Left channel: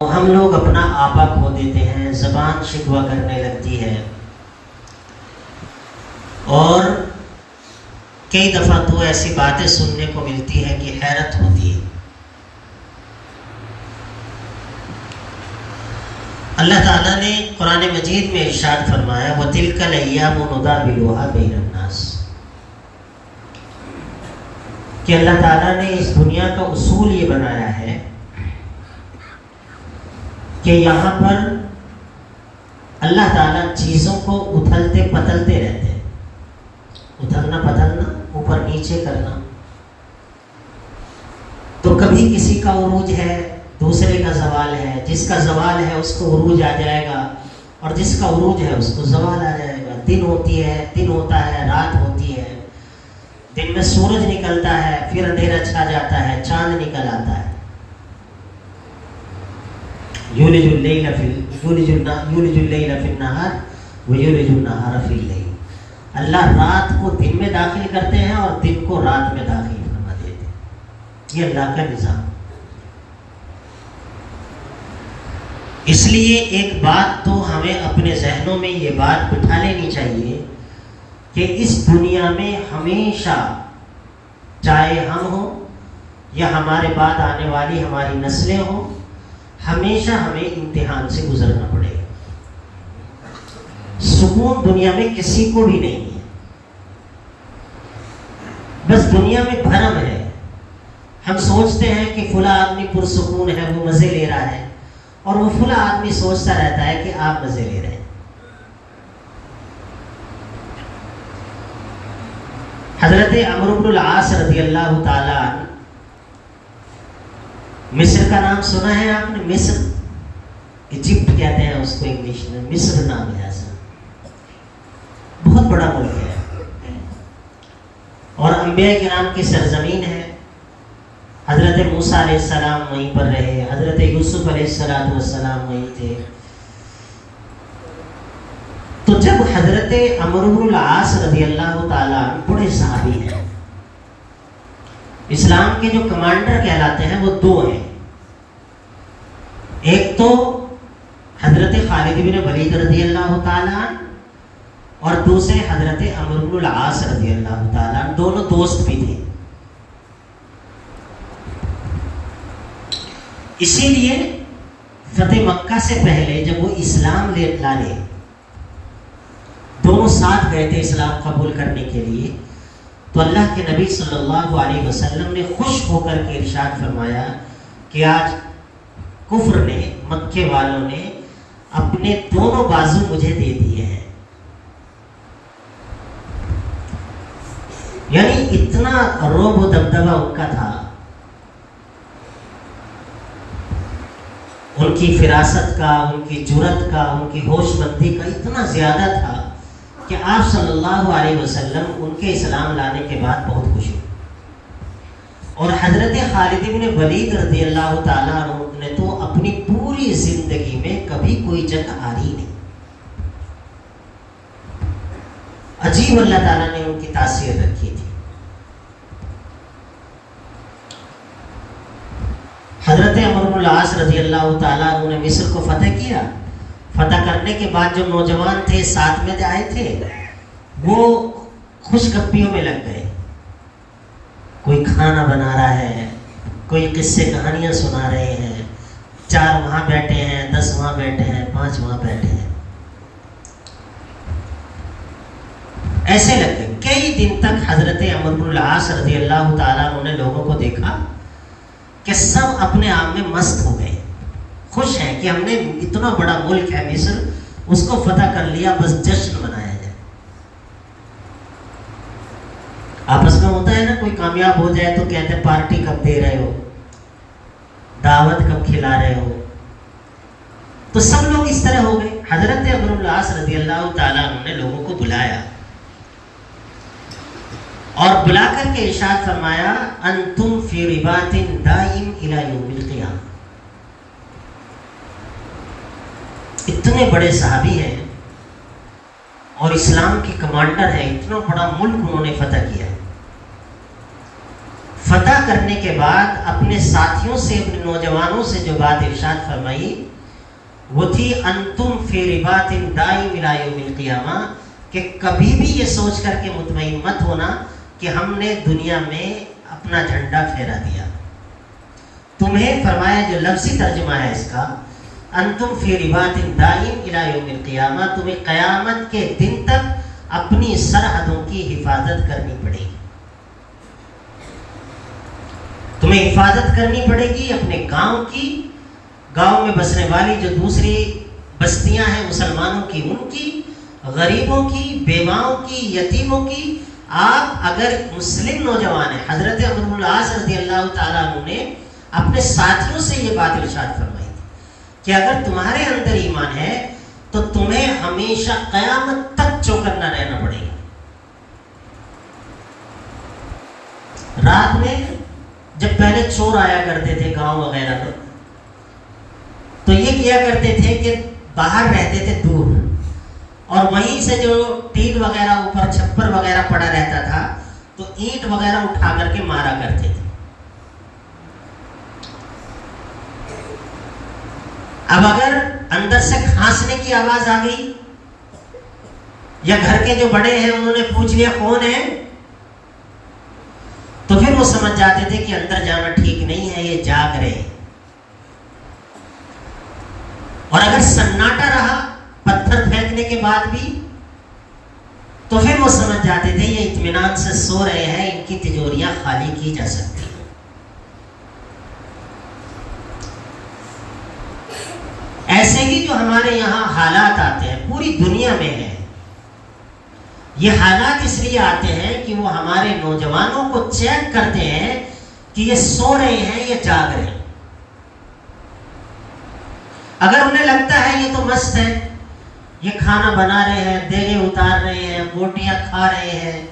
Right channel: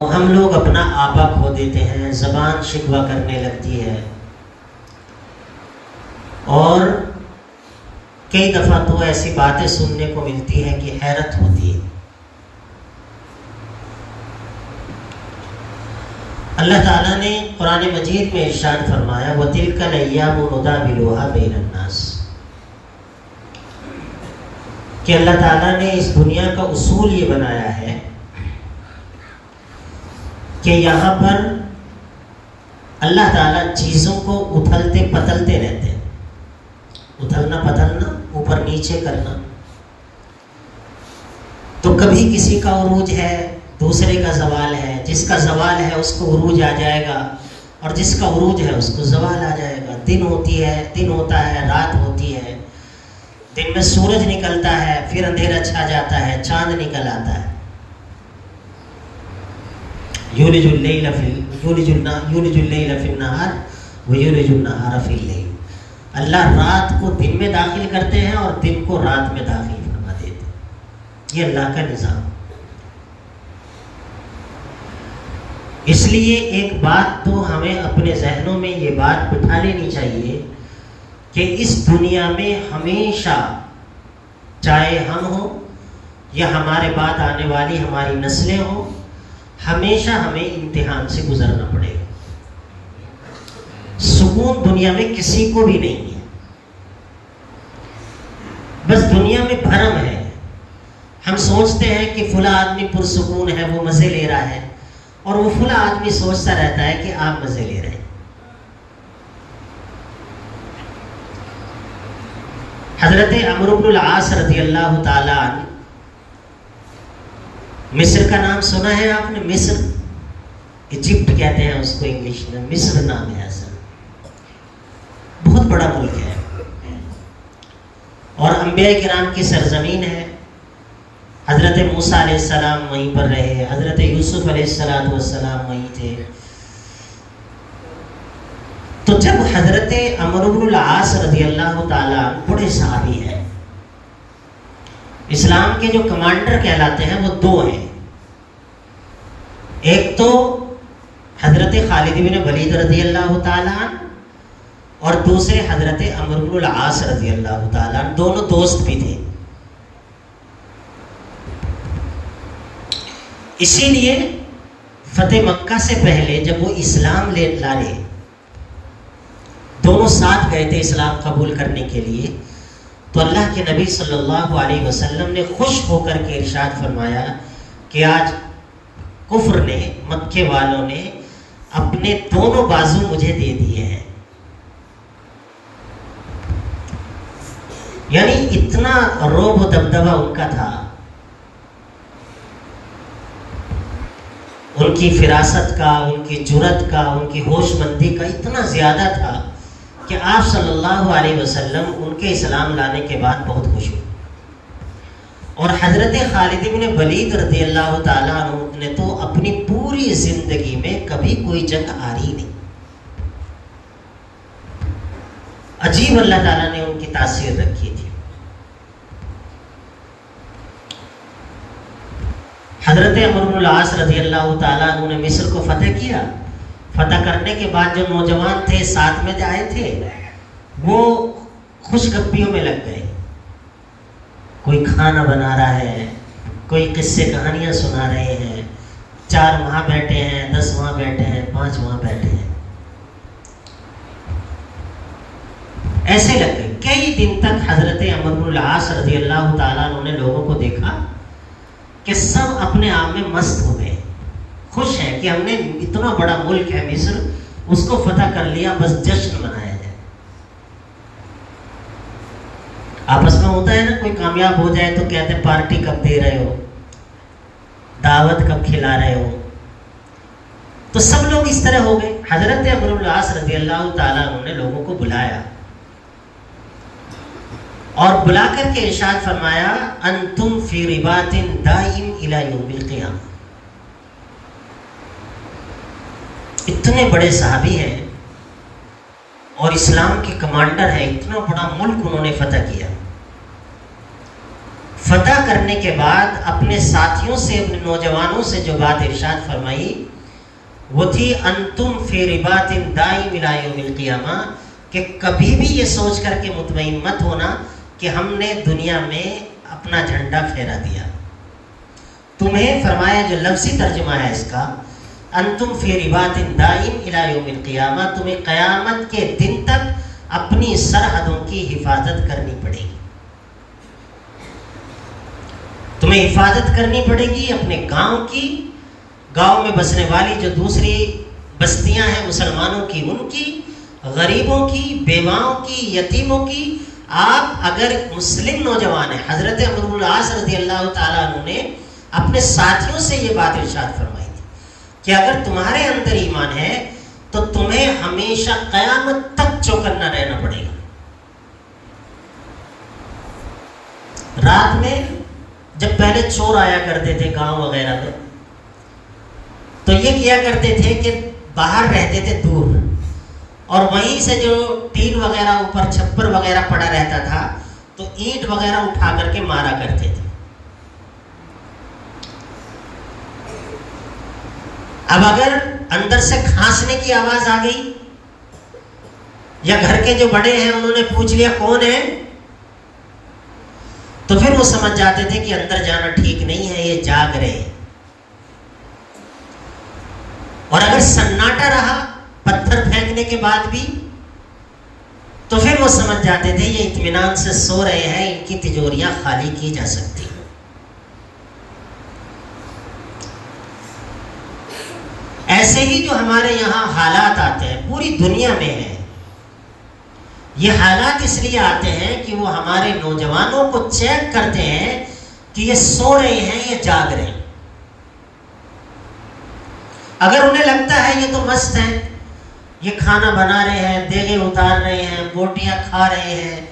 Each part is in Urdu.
ہم لوگ اپنا آپا کھو دیتے ہیں، زبان شکوہ کرنے لگتی ہے، اور کئی دفعہ تو ایسی باتیں سننے کو ملتی ہے کہ حیرت ہوتی ہے۔ اللہ تعالیٰ نے قرآن مجید میں ارشاد فرمایا وَتِلْكَ الْأَيَّامُ نُدَاوِلُهَا بَيْنَ النَّاسِ، کہ اللہ تعالیٰ نے اس دنیا کا اصول یہ بنایا ہے کہ یہاں پر اللہ تعالیٰ چیزوں کو اتھلتے پتلتے رہتے ہیں، اتھلنا پتلنا، اوپر نیچے کرنا۔ تو کبھی کسی کا عروج ہے، دوسرے کا زوال ہے، جس کا زوال ہے اس کو عروج آ جائے گا، اور جس کا عروج ہے اس کو زوال آ جائے گا۔ دن ہوتا ہے، رات ہوتی ہے، دن میں سورج نکلتا ہے، پھر اندھیرا چھا جاتا ہے، چاند نکل آتا ہے۔ یولج اللیل فی النہار ویولج النہار فی اللیل، اللہ رات کو دن میں داخل کرتے ہیں اور دن کو رات میں داخل فرما دیتے ہیں۔ یہ اللہ کا نظام۔ اس لیے ایک بات تو ہمیں اپنے ذہنوں میں یہ بات بٹھا لینی چاہیے کہ اس دنیا میں ہمیشہ، چاہے ہم ہوں یا ہمارے بعد آنے والی ہماری نسلیں ہوں، ہمیشہ ہمیں امتحان سے گزرنا پڑے گا۔ سکون دنیا میں کسی کو بھی نہیں ہے، بس دنیا میں بھرم ہے۔ ہم سوچتے ہیں کہ فلاں آدمی پرسکون ہے، وہ مزے لے رہا ہے، اور وہ فلاں آدمی سوچتا رہتا ہے کہ آپ مزے لے رہے ہیں۔ حضرت عمرو بن العاص رضی اللہ تعالیٰ عنہ، مصر کا نام سنا ہے آپ نے؟ مصر، ایجپٹ کہتے ہیں اس کو انگلش میں، مصر نام ہے اصل، بہت بڑا ملک ہے اور انبیاء کرام کی سرزمین ہے۔ حضرت موسیٰ علیہ السلام وہیں پر رہے، حضرت یوسف علیہ السلام وہیں تھے۔ تو جب حضرت عمرو بن العاص رضی اللہ تعالیٰ بڑے صحابی ہیں، اسلام کے جو کمانڈر کہلاتے ہیں وہ دو ہیں، ایک تو حضرت خالد بن ولید رضی اللہ تعالیٰ اور دوسرے حضرت عمرو بن العاص رضی اللہ تعالیٰ، دونوں دوست بھی تھے۔ اسی لیے فتح مکہ سے پہلے جب وہ اسلام لائے، دونوں ساتھ گئے تھے اسلام قبول کرنے کے لیے، تو اللہ کے نبی صلی اللہ علیہ وسلم نے خوش ہو کر کے ارشاد فرمایا کہ آج کفر نے، مکے والوں نے اپنے دونوں بازو مجھے دے دیے ہیں۔ یعنی اتنا رعب و دبدبہ ان کا تھا، ان کی فراست کا، ان کی جرأت کا، ان کی ہوش مندی کا اتنا زیادہ تھا کہ آپ صلی اللہ علیہ وسلم ان کے اسلام لانے کے بعد بہت خوش ہوئے۔ اور حضرت خالد بن ولید رضی اللہ تعالیٰ عنہ نے تو اپنی پوری زندگی میں کبھی کوئی جنگ ہاری نہیں۔ عجیب اللہ تعالیٰ نے ان کی تاثیر رکھی تھی۔ حضرت عمرو بن العاص رضی اللہ تعالیٰ عنہ نے مصر کو فتح کیا۔ فتح کرنے کے بعد جو نوجوان تھے ساتھ میں آئے تھے، وہ خوش گپیوں میں لگ گئے، کوئی کھانا بنا رہا ہے، کوئی قصے کہانیاں سنا رہے ہیں، 4 وہاں بیٹھے ہیں، 10 وہاں بیٹھے ہیں، 5 وہاں بیٹھے ہیں، ایسے لگ گئے۔ کئی دن تک حضرت عمرو بن العاص رضی اللہ تعالیٰ عنہ نے لوگوں کو دیکھا کہ سب اپنے آپ میں مست ہو گئے، خوش ہیں کہ ہم نے اتنا بڑا ملک ہے مصر، اس کو فتح کر لیا، بس جشن منایا جائے۔ آپس میں ہوتا ہے نا، کوئی کامیاب ہو جائے تو کہتے ہیں پارٹی کب دے رہے ہو، دعوت کب کھلا رہے ہو۔ تو سب لوگ اس طرح ہو گئے۔ حضرت عمرو بن العاص رضی اللہ تعالیٰ عنہ نے لوگوں کو بلایا اور بلا کر کے ارشاد فرمایا انتم فی رباط دائم الی یوم القیامہ۔ اتنے بڑے صحابی ہیں اور اسلام کے کمانڈر ہیں، اتنا بڑا ملک انہوں نے فتح کیا، فتح کرنے کے بعد اپنے ساتھیوں سے، اپنے نوجوانوں سے جو بات ارشاد فرمائی وہ تھی انتم فی رباط دائم الی یوم القیامہ، کہ کبھی بھی یہ سوچ کر کے مطمئن مت ہونا کہ ہم نے دنیا میں اپنا جھنڈا پھیرا دیا. تمہیں فرمایا، جو لفظی ترجمہ ہے اس کا، انتم فی رباط دائم الی یوم القیامہ، تمہیں قیامت کے دن تک اپنی سرحدوں کی حفاظت کرنی پڑے گی. تمہیں حفاظت کرنی پڑے گی اپنے گاؤں کی، گاؤں میں بسنے والی جو دوسری بستیاں ہیں مسلمانوں کی، ان کی، غریبوں کی، بیواؤں کی، یتیموں کی. آپ اگر مسلم نوجوان ہیں، حضرت عمرو بن العاص رضی اللہ تعالیٰ عنہ نے اپنے ساتھیوں سے یہ بات ارشاد فرمائی تھی کہ اگر تمہارے اندر ایمان ہے تو تمہیں ہمیشہ قیامت تک چوکنا رہنا پڑے گا. رات میں جب پہلے چور آیا کرتے تھے گاؤں وغیرہ میں، تو یہ کیا کرتے تھے کہ باہر رہتے تھے دور، اور وہیں سے جو ٹین وغیرہ اوپر چھپر وغیرہ پڑا رہتا تھا تو اینٹ وغیرہ اٹھا کر کے مارا کرتے تھے. اب اگر اندر سے کھانسنے کی آواز آ گئی یا گھر کے جو بڑے ہیں انہوں نے پوچھ لیا کون ہے، تو پھر وہ سمجھ جاتے تھے کہ اندر جانا ٹھیک نہیں ہے، یہ جاگ رہے ہیں. اور اگر سناٹا رہا پتھر پھینکنے کے بعد بھی تو پھر وہ سمجھ جاتے تھے یہ اطمینان سے سو رہے ہیں، ان کی تجوریاں خالی کی جا سکتی ہیں. ایسے ہی جو ہمارے یہاں حالات آتے ہیں پوری دنیا میں ہیں، یہ حالات اس لیے آتے ہیں کہ وہ ہمارے نوجوانوں کو چیک کرتے ہیں کہ یہ سو رہے ہیں یا جاگ رہے ہیں. اگر انہیں لگتا ہے یہ تو مست ہے، یہ کھانا بنا رہے ہیں، دیگیں اتار رہے ہیں، بوٹیاں کھا رہے ہیں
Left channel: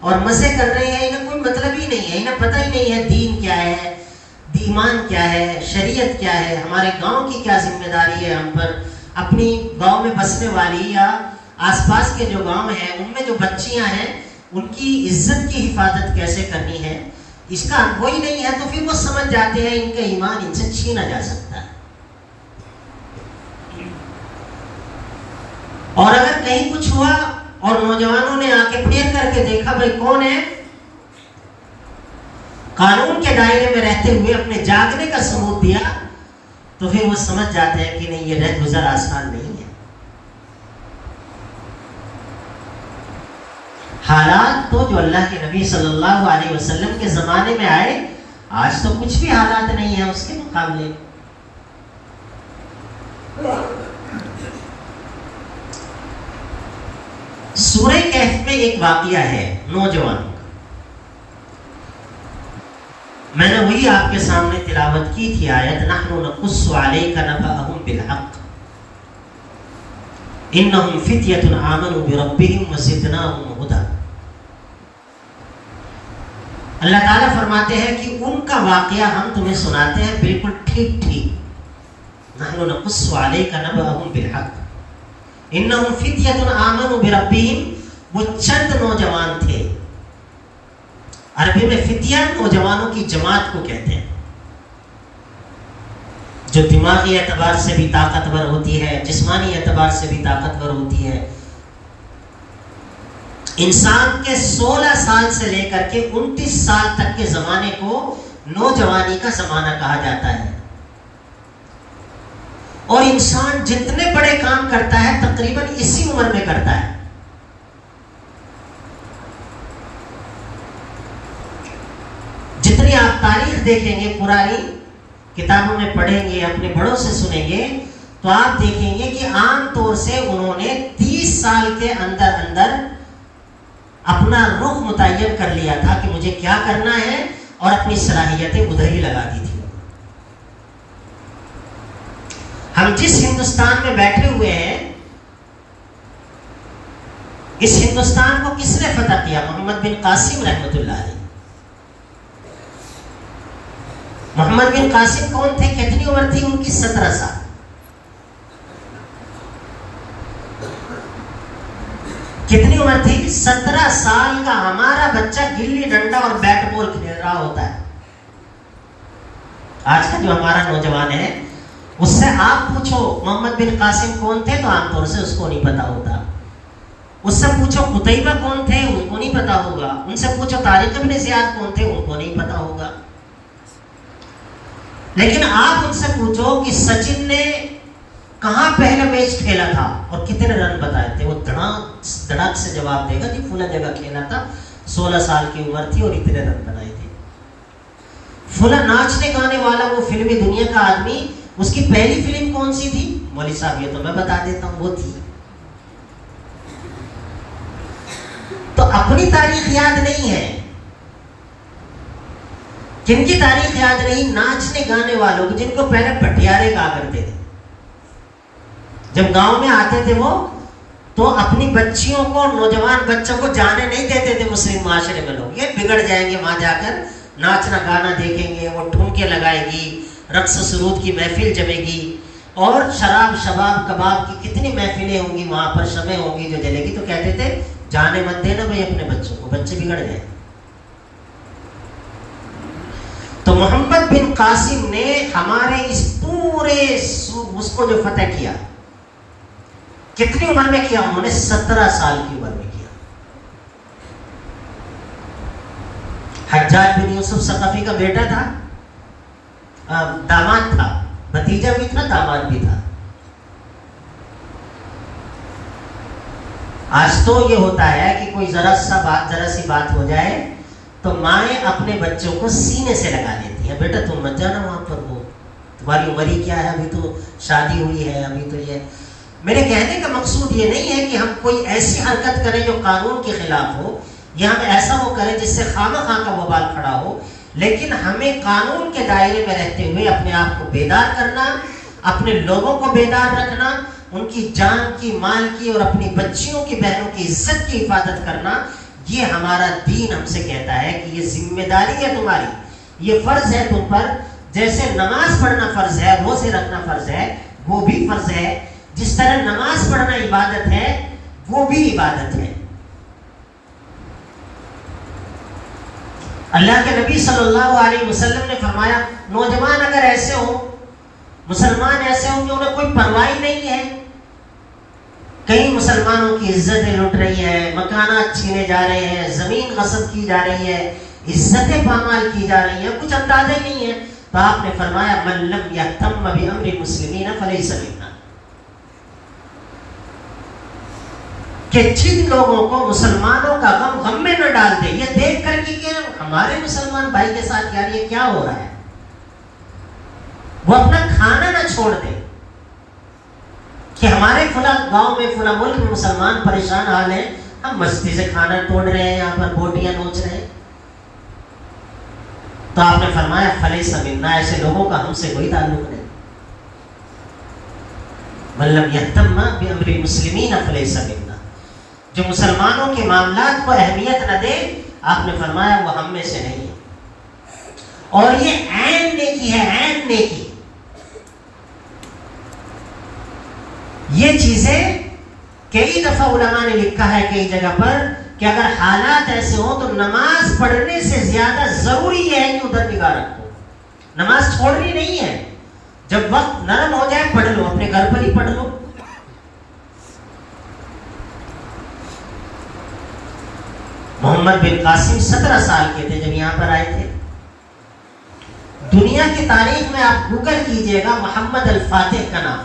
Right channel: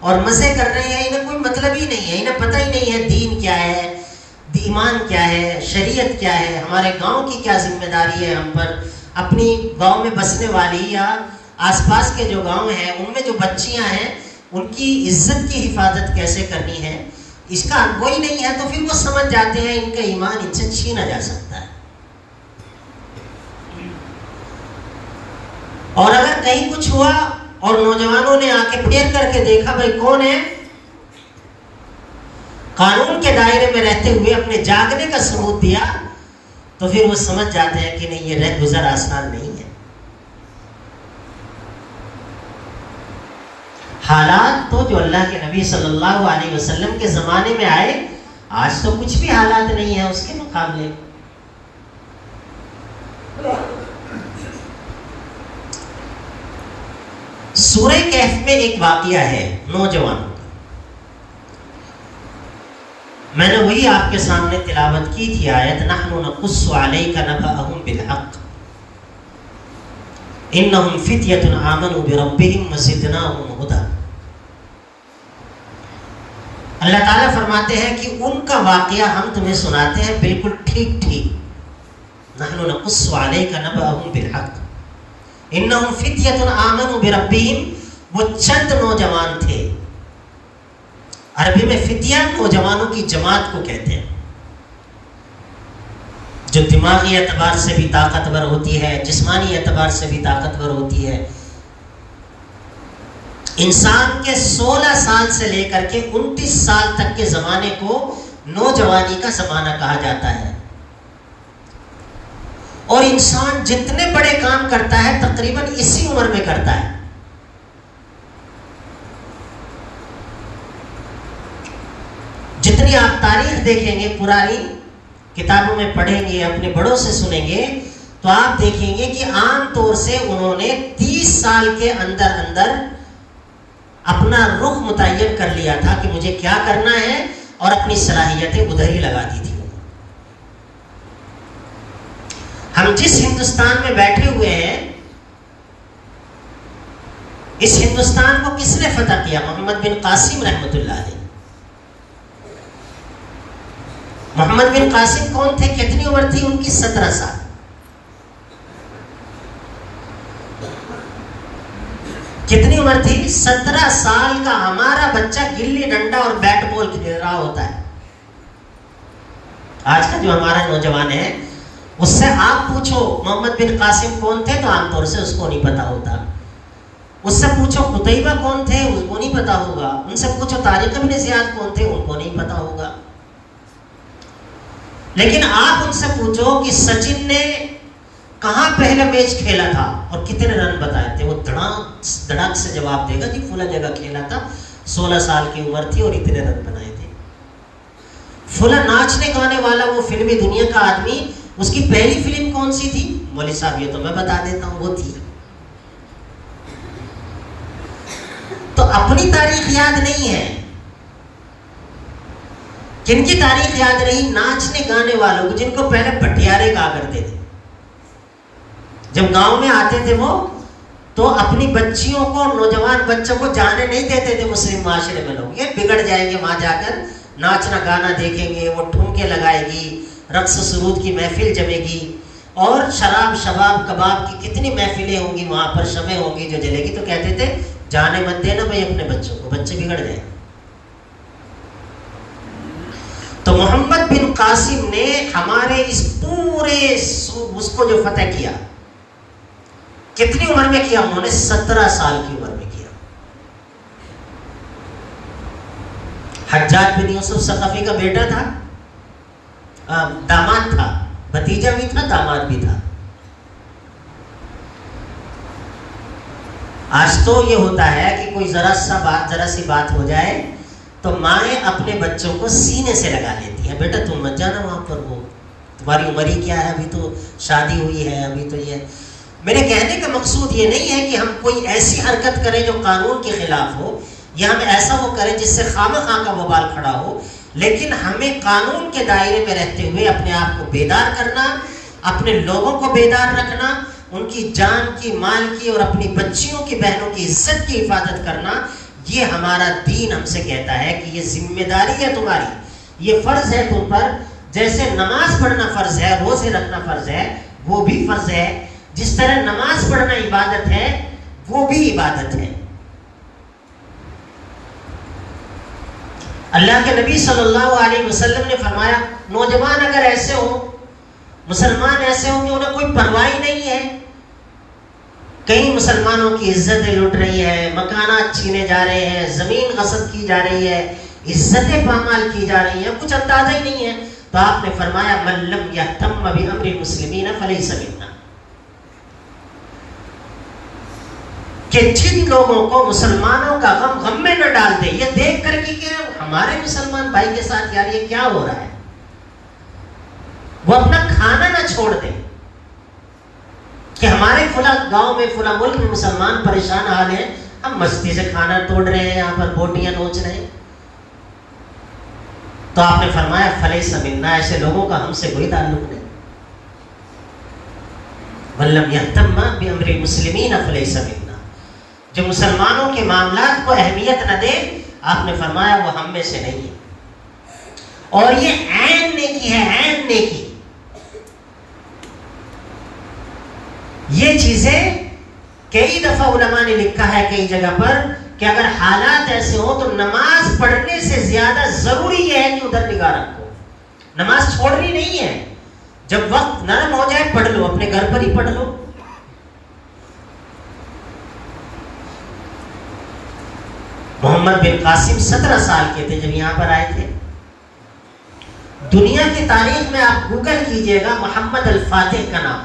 اور مزے کر رہے ہیں، انہیں کوئی مطلب ہی نہیں ہے، انہیں پتہ ہی نہیں ہے دین کیا ہے، ایمان کیا ہے، شریعت کیا ہے، ہمارے گاؤں کی کیا ذمہ داری ہے ہم پر، اپنی گاؤں میں بسنے والی یا آس پاس کے جو گاؤں ہیں ان میں جو بچیاں ہیں ان کی عزت کی حفاظت کیسے کرنی ہے، اس کا کوئی نہیں ہے. تو پھر وہ سمجھ جاتے ہیں ان کا ایمان ان سے چھینا جا سکتا ہے. اور اگر کہیں کچھ ہوا اور نوجوانوں نے آ کے پھیر کر کے دیکھا بھائی کون ہے، قانون کے دائرے میں رہتے ہوئے اپنے جاگنے کا ثبوت دیا، تو پھر وہ سمجھ جاتے ہیں کہ نہیں یہ رہ گزر آسان نہیں ہے. حالات تو جو اللہ کے نبی صلی اللہ علیہ وسلم کے زمانے میں آئے، آج تو کچھ بھی حالات نہیں ہے اس کے مقابلے. سورہ کہف میں ایک واقعہ ہے نوجوان کا، میں نے وہی آپ کے سامنے تلاوت کی تھی آیت نحن نقص علیک نبأہم بالحق انہم فتیۃ آمنوا بربہم وزدناہم ہدی. اللہ تعالیٰ فرماتے ہیں کہ ان کا واقعہ ہم تمہیں سناتے ہیں بالکل ٹھیک ٹھیک. نحن نقص علیک نبأہم بالحق انہم فتیۃ آمنوا بربہم، وہ چند نوجوان تھے. عربی میں فتیہ نوجوانوں کی جماعت کو کہتے ہیں، جو دماغی اعتبار سے بھی طاقتور ہوتی ہے، جسمانی اعتبار سے بھی طاقتور ہوتی ہے. انسان کے 16 سال سے لے کر کے 29 سال تک کے زمانے کو نوجوانی کا زمانہ کہا جاتا ہے. اور انسان جتنے بڑے کام کرتا ہے تقریباً اسی عمر میں کرتا ہے. جتنی آپ تاریخ دیکھیں گے، پرانی کتابوں میں پڑھیں گے، اپنے بڑوں سے سنیں گے، تو آپ دیکھیں گے کہ عام طور سے انہوں نے 30 سال کے اندر اندر اپنا رخ متعین کر لیا تھا کہ مجھے کیا کرنا ہے، اور اپنی صلاحیتیں ادھر ہی لگا دی تھی. ہم جس ہندوستان میں بیٹھے ہوئے ہیں، اس ہندوستان کو کس نے فتح کیا؟ محمد بن قاسم رحمۃ اللہ علیہ. محمد بن قاسم کون تھے؟ کتنی عمر تھی ان کی؟ 17 سال. کتنی عمر تھی؟ 17 سال کا ہمارا بچہ گلی ڈنڈا اور بیٹ بال کھیل رہا ہوتا ہے. آج کا جو ہمارا نوجوان ہے اس سے آپ پوچھو محمد بن قاسم کون تھے تو عام طور سے اس کو نہیں پتا ہوتا. اس سے پوچھو قتیبہ کون تھے ان کو نہیں پتا ہوگا. ان سے پوچھو طارق بن زیاد کون تھے ان کو نہیں پتا ہوگا. لیکن آپ ان سے پوچھو کہ سچن نے کہاں پہلا میچ کھیلا تھا اور کتنے رن بتائے تھے, وہ دھڑاک سے جواب دے گا کہ فلاں جگہ کھیلا تھا, 16 سال کی عمر تھی اور اتنے رن بنائے تھے. فلاں ناچنے گانے والا وہ فلمی دنیا کا آدمی, اس کی پہلی فلم کون سی تھی؟ مولوی صاحب یہ تو میں بتا دیتا ہوں, وہ تھی. تو اپنی تاریخ یاد نہیں ہے. جن کی تاریخ یاد نہیں, ناچنے گانے والوں کو, جن کو پہلے بھٹیارے کہا کرتے تھے. جب گاؤں میں آتے تھے وہ تو اپنی بچیوں کو, نوجوان بچوں کو جانے نہیں دیتے تھے مسلم معاشرے میں. لوگ یہ بگڑ جائیں گے وہاں جا کر, ناچنا گانا دیکھیں گے, وہ ٹھمکے لگائے گی, رقص سرود کی محفل جمے گی, اور شراب شباب کباب کی کتنی محفلیں ہوں گی وہاں پر, شمع ہوں گی جو جلے گی. تو کہتے تھے جانے مت دینا بھائی اپنے بچوں کو, بچے بگڑ جائیں. تو محمد بن قاسم نے ہمارے اس پورے اس کو جو فتح کیا, کتنی عمر میں کیا انہوں نے؟ 17 سال کی عمر میں کیا. حجاج بن یوسف ثقفی کا بیٹا تھا, داماد تھا, بھتیجا بھی تھا, داماد بھی تھا. آج تو یہ ہوتا ہے کہ کوئی ذرا سی بات ہو جائے تو مائیں اپنے بچوں کو سینے سے لگا لیتی ہے, بیٹا تم مت جانا وہاں پر, وہ تمہاری عمر ہی کیا ہے, ابھی تو شادی ہوئی ہے, ابھی تو یہ. میرے کہنے کا مقصود یہ نہیں ہے کہ ہم کوئی ایسی حرکت کریں جو قانون کے خلاف ہو, یا ہم ایسا وہ کریں جس سے خواہ خواہ کا وبال کھڑا ہو, لیکن ہمیں قانون کے دائرے میں رہتے ہوئے اپنے آپ کو بیدار کرنا, اپنے لوگوں کو بیدار رکھنا, ان کی جان کی, مال کی اور اپنی بچیوں کی, بہنوں کی عزت کی حفاظت کرنا. یہ ہمارا دین ہم سے کہتا ہے کہ یہ ذمہ داری ہے تمہاری, یہ فرض ہے تم پر. جیسے نماز پڑھنا فرض ہے, روزے رکھنا فرض ہے, وہ بھی فرض ہے. جس طرح نماز پڑھنا عبادت ہے, وہ بھی عبادت ہے. اللہ کے نبی صلی اللہ علیہ وسلم نے فرمایا, نوجوان اگر ایسے ہوں, مسلمان ایسے ہوں کہ انہیں کوئی پرواہ نہیں ہے, کئی مسلمانوں کی عزتیں لٹ رہی ہے, مکانات چھینے جا رہے ہیں, زمین غصب کی جا رہی ہے, عزتیں پامال کی جا رہی ہیں, کچھ اندازہ ہی نہیں ہے, تو آپ نے فرمایا من لم یہتم بامر المسلمین فلیس منا, کہ جن لوگوں کو مسلمانوں کا غم میں نہ ڈال دے, یہ دیکھ کر کہ ہمارے مسلمان بھائی کے ساتھ یار یہ کیا ہو رہا ہے, وہ اپنا کھانا نہ چھوڑ دے, کہ ہمارے فلاں گاؤں میں, فلاں ملک میں مسلمان پریشان حال ہیں, ہم مستی سے کھانا توڑ رہے ہیں, یہاں پر بوٹیاں نوچ رہے ہیں. تو آپ نے فرمایا فلیس منا, ایسے لوگوں کا ہم سے کوئی تعلق نہیں. من لم یہتم بامر المسلمین فلیس منا, جو مسلمانوں کے معاملات کو اہمیت نہ دے, آپ نے فرمایا وہ ہم میں سے نہیں ہے. اور یہ عین نیکی ہے, عین نیکی. یہ چیزیں کئی دفعہ علماء نے لکھا ہے کئی جگہ پر کہ اگر حالات ایسے ہوں تو نماز پڑھنے سے زیادہ ضروری یہ ہے کہ ادھر نگاہ رکھو. نماز چھوڑنی نہیں ہے, جب وقت نرم ہو جائے پڑھ لو, اپنے گھر پر ہی پڑھ لو. محمد بن قاسم 17 سال کے تھے جب یہاں پر آئے تھے. دنیا کی تاریخ میں آپ گوگل کیجئے گا محمد الفاتح کا نام,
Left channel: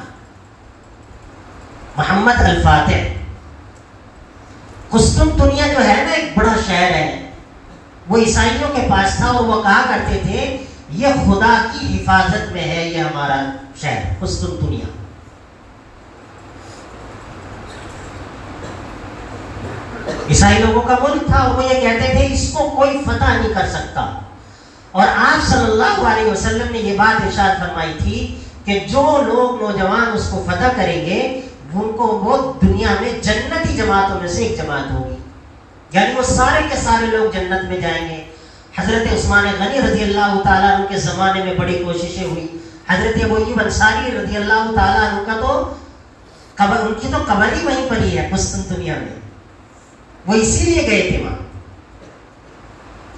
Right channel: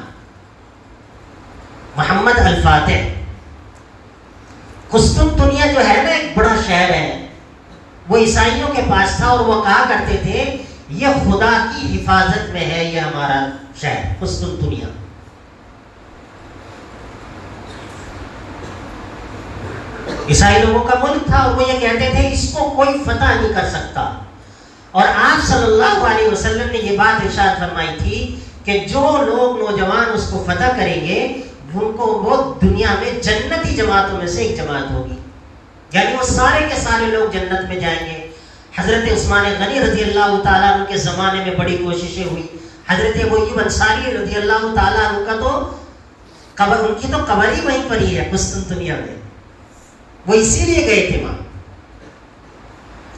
محمد الفاتح. قسطنطنیہ جو ہے نا ایک بڑا شہر ہے, وہ عیسائیوں کے پاس تھا, اور وہ کہا کرتے تھے یہ خدا کی حفاظت میں ہے یہ ہمارا شہر قسطنطنیہ. عیسائی لوگوں کا ملک تھا, اور وہ یہ کہتے تھے اس کو کوئی فتح نہیں کر سکتا. اور آپ صلی اللہ علیہ وسلم نے یہ بات ارشاد فرمائی تھی کہ جو لوگ نوجوان اس کو فتح کریں گے, ان کو وہ دنیا میں جنتی جماعتوں میں سے ایک جماعت ہوگی, یعنی وہ سارے کے سارے لوگ جنت میں جائیں گے. حضرت عثمان غنی رضی اللہ تعالیٰ عنہ کے زمانے میں بڑی کوششیں ہوئی. حضرت ابو ایوب انصاری رضی اللہ تعالیٰ عنہ کا تو ان کی تو قبر ہی وہیں پر ہی ہے قسطنطنیہ میں, وہ اسی لیے گئے تھے وہاں.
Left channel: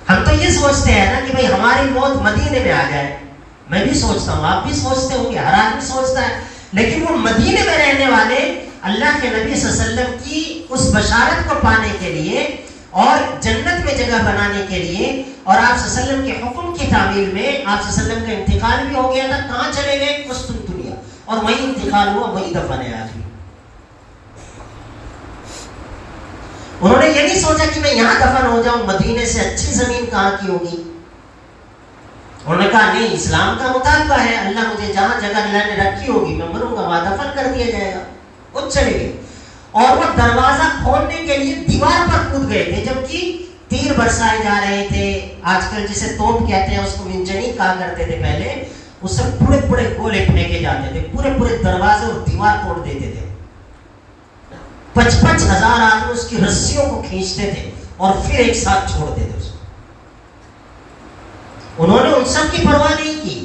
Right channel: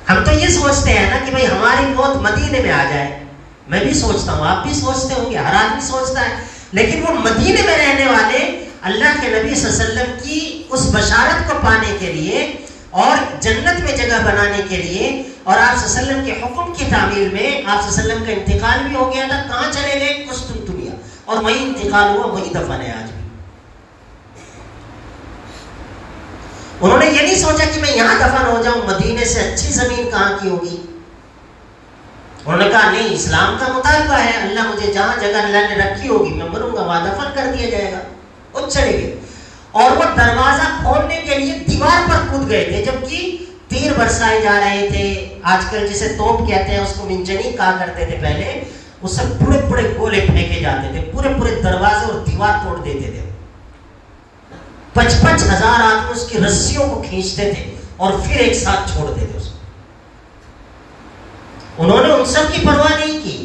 ہم تو یہ سوچتے ہیں نا کہ بھئی ہماری موت مدینے میں آ جائے, میں بھی سوچتا ہوں، آپ بھی سوچتے ہوں گے، ہر آدمی سوچتا ہے. لیکن وہ مدینے میں رہنے والے اللہ کے نبی صلی اللہ علیہ وسلم کی اس بشارت کو پانے کے لیے اور جنت میں جگہ بنانے کے لیے اور آپ صلی اللہ علیہ وسلم کے حکم کی تعمیل میں آپ صلی اللہ علیہ وسلم کا انتقال بھی ہو گیا تھا. کہاں چلے گئے؟ قسطنطنیہ، اور وہی انتقال ہوا، وہی دفن ہے آج بھی. انہوں نے یہ نہیں سوچا کہ میں یہاں دفن ہو جاؤں، مدینے سے اچھی زمین کہاں کی ہوگی. انہوں نے کہا نہیں، اسلام کا مطالبہ ہے، اللہ مجھے جہاں جگہ اللہ نے رکھی ہوگی میں مروں گا وہاں دفن کر دیا جائے گا. وہ چلے گئے اور وہ دروازہ کھولنے کے لیے دیوار پر کود گئے تھے، جبکہ تیر برسائے جا رہے تھے. آج کل جسے توپ کہتے ہیں، اس کو منجنیق کہا کرتے تھے پہلے. وہ سب بڑے بڑے گولے پھینکے جاتے تھے، پورے پورے دروازے اور دیوار توڑ دیتے تھے. 55,000 آدمی اس کی رسیوں کو کھینچتے تھے اور پھر ایک ساتھ چھوڑ دیتے اس کو. انہوں نے ان سب کی پرواہ نہیں کی.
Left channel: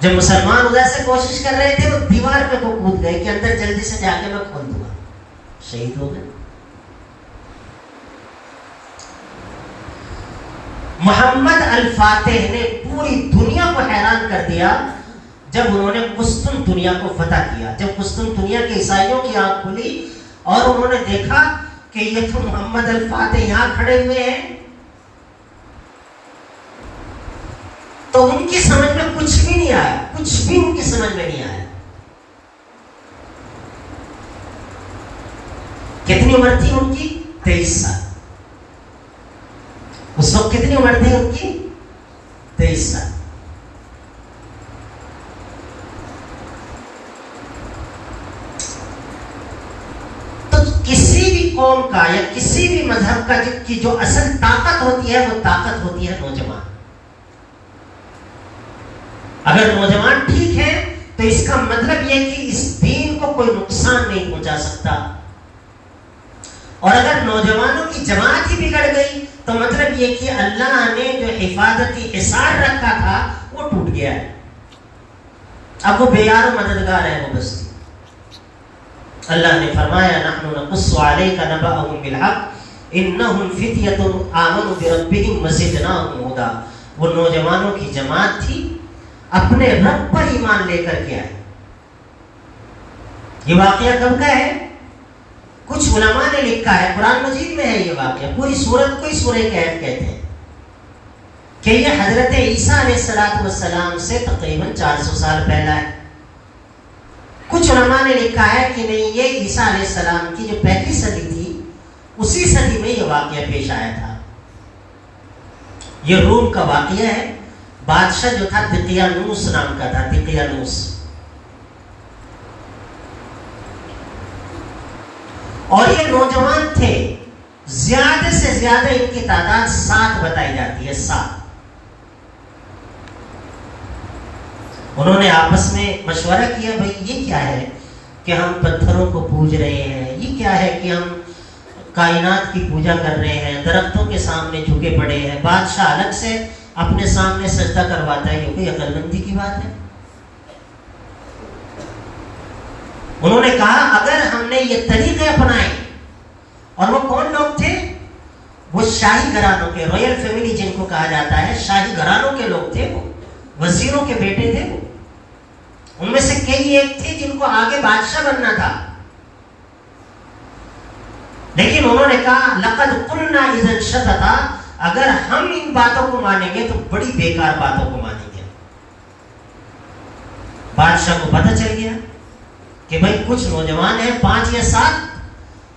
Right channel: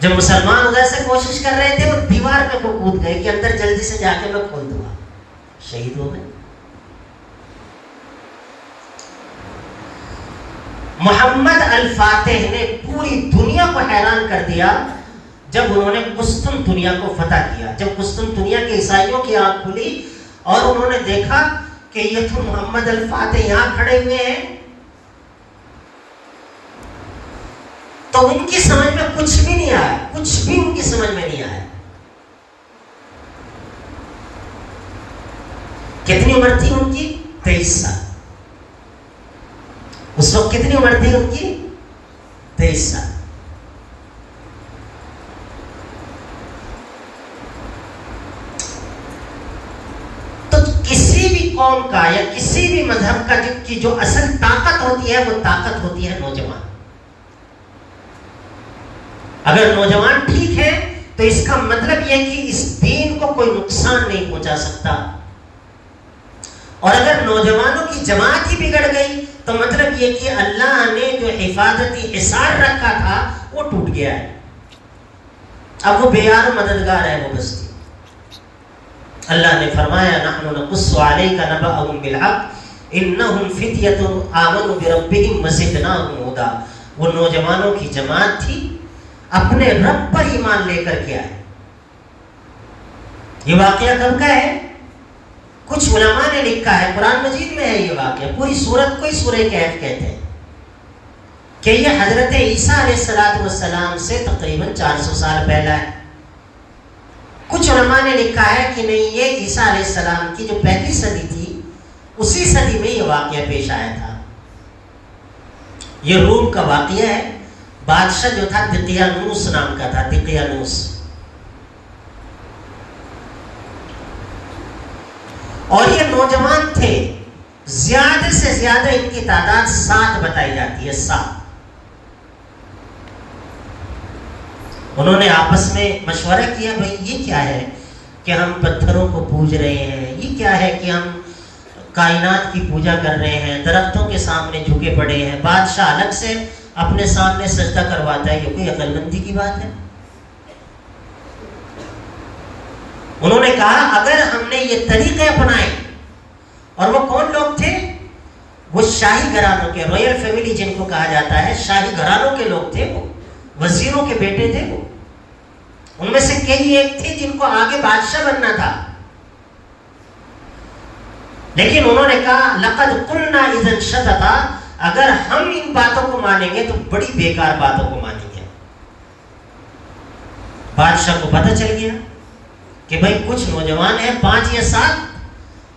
جب مسلمان ادھر سے کوشش کر رہے تھے وہ دیوار پہ کو کود گئے کہ اندر جلدی سے جا کے میں کھول دوں گا. شہید ہو گئے. محمد الفاتح نے پوری دنیا کو حیران کر دیا جب انہوں نے قسطنطنیہ کو فتح کیا. جب قسطنطنیہ کے عیسائیوں کی آنکھ کھلی اور انہوں نے دیکھا کہ یہ تو محمد الفاتح یہاں کھڑے ہوئے ہیں، تو ان کی سمجھ میں کچھ بھی نہیں آیا، کچھ بھی ان کی سمجھ میں نہیں آیا. کتنی عمر تھی ان کی؟ 23 سال. اس وقت کتنی عمر تھی ان کی؟ 23 سال. تو کسی بھی قوم کا یا کسی بھی مذہب کا کی جو اصل طاقت ہوتی ہے وہ طاقت ہوتی ہے نوجوان. اگر نوجوان ٹھیک ہے تو اس کا مطلب یہ کہ اس دین کو کوئی نقصان نہیں پہنچا سکتا. اور اگر نوجوانوں کی جماعت ہی بگڑ گئی تو مطلب یہ کہ اللہ نے جو حفاظتی حصار رکھا تھا وہ ٹوٹ گیا ہے. اب وہ بے یار و مددگار ہے وہ بستی. اللہ نے فرمایا نحن نقص علیک نبأهم بالحق انہم فتیۃ آمنوا بربہم وزدناہم ہدی. وہ نوجوانوں کی جماعت تھی، اپنے رب پر ایمان لے کر کے آئے. یہ واقعہ کب کا ہے؟ کچھ علماء نے لکھا ہے، قرآن مجید میں ہے یہ واقعہ. پوری سورت کو ہی سورہ کہف کہتے ہیں کہ یہ حضرت عیسیٰ علیہ السلام سے تقریباً 400 سال پہلا ہے. کچھ علماء نے لکھا ہے کہ نہیں، یہ عیسیٰ علیہ السلام کی جو پہلی صدی تھی اسی صدی میں یہ واقعہ پیش آیا تھا. یہ روم کا واقعہ ہے. بادشاہ جو تھا دقیانوس نام کا تھا، دقیانوس. اور یہ نوجوان تھے، زیادہ سے زیادہ ان کی تعداد 7 بتائی جاتی ہے. 7. انہوں نے آپس میں مشورہ کیا، بھائی یہ کیا ہے کہ ہم پتھروں کو پوج رہے ہیں، یہ کیا ہے کہ ہم کائنات کی پوجا کر رہے ہیں، درختوں کے سامنے جھکے پڑے ہیں. بادشاہ الگ سے اپنے سامنے سجدہ کرواتا ہے، یہ کوئی عقل مندی کی بات ہے؟ انہوں نے کہا اگر ہم نے یہ طریقے اپنائے، اور وہ کون لوگ تھے؟ وہ شاہی گھرانوں کے، رائل فیملی جن کو کہا جاتا ہے، شاہی گھرانوں کے لوگ تھے. وہ وزیروں کے بیٹے تھے. وہ ان میں سے کئی ایک تھے جن کو آگے بادشاہ بننا تھا. لیکن انہوں نے کہا لقد قلنا اذا شططا، اگر ہم ان باتوں کو مانیں گے تو بڑی بیکار باتوں کو مانیں گے. بادشاہ کو پتہ چل گیا کہ بھائی کچھ نوجوان ہیں 5 یا 7،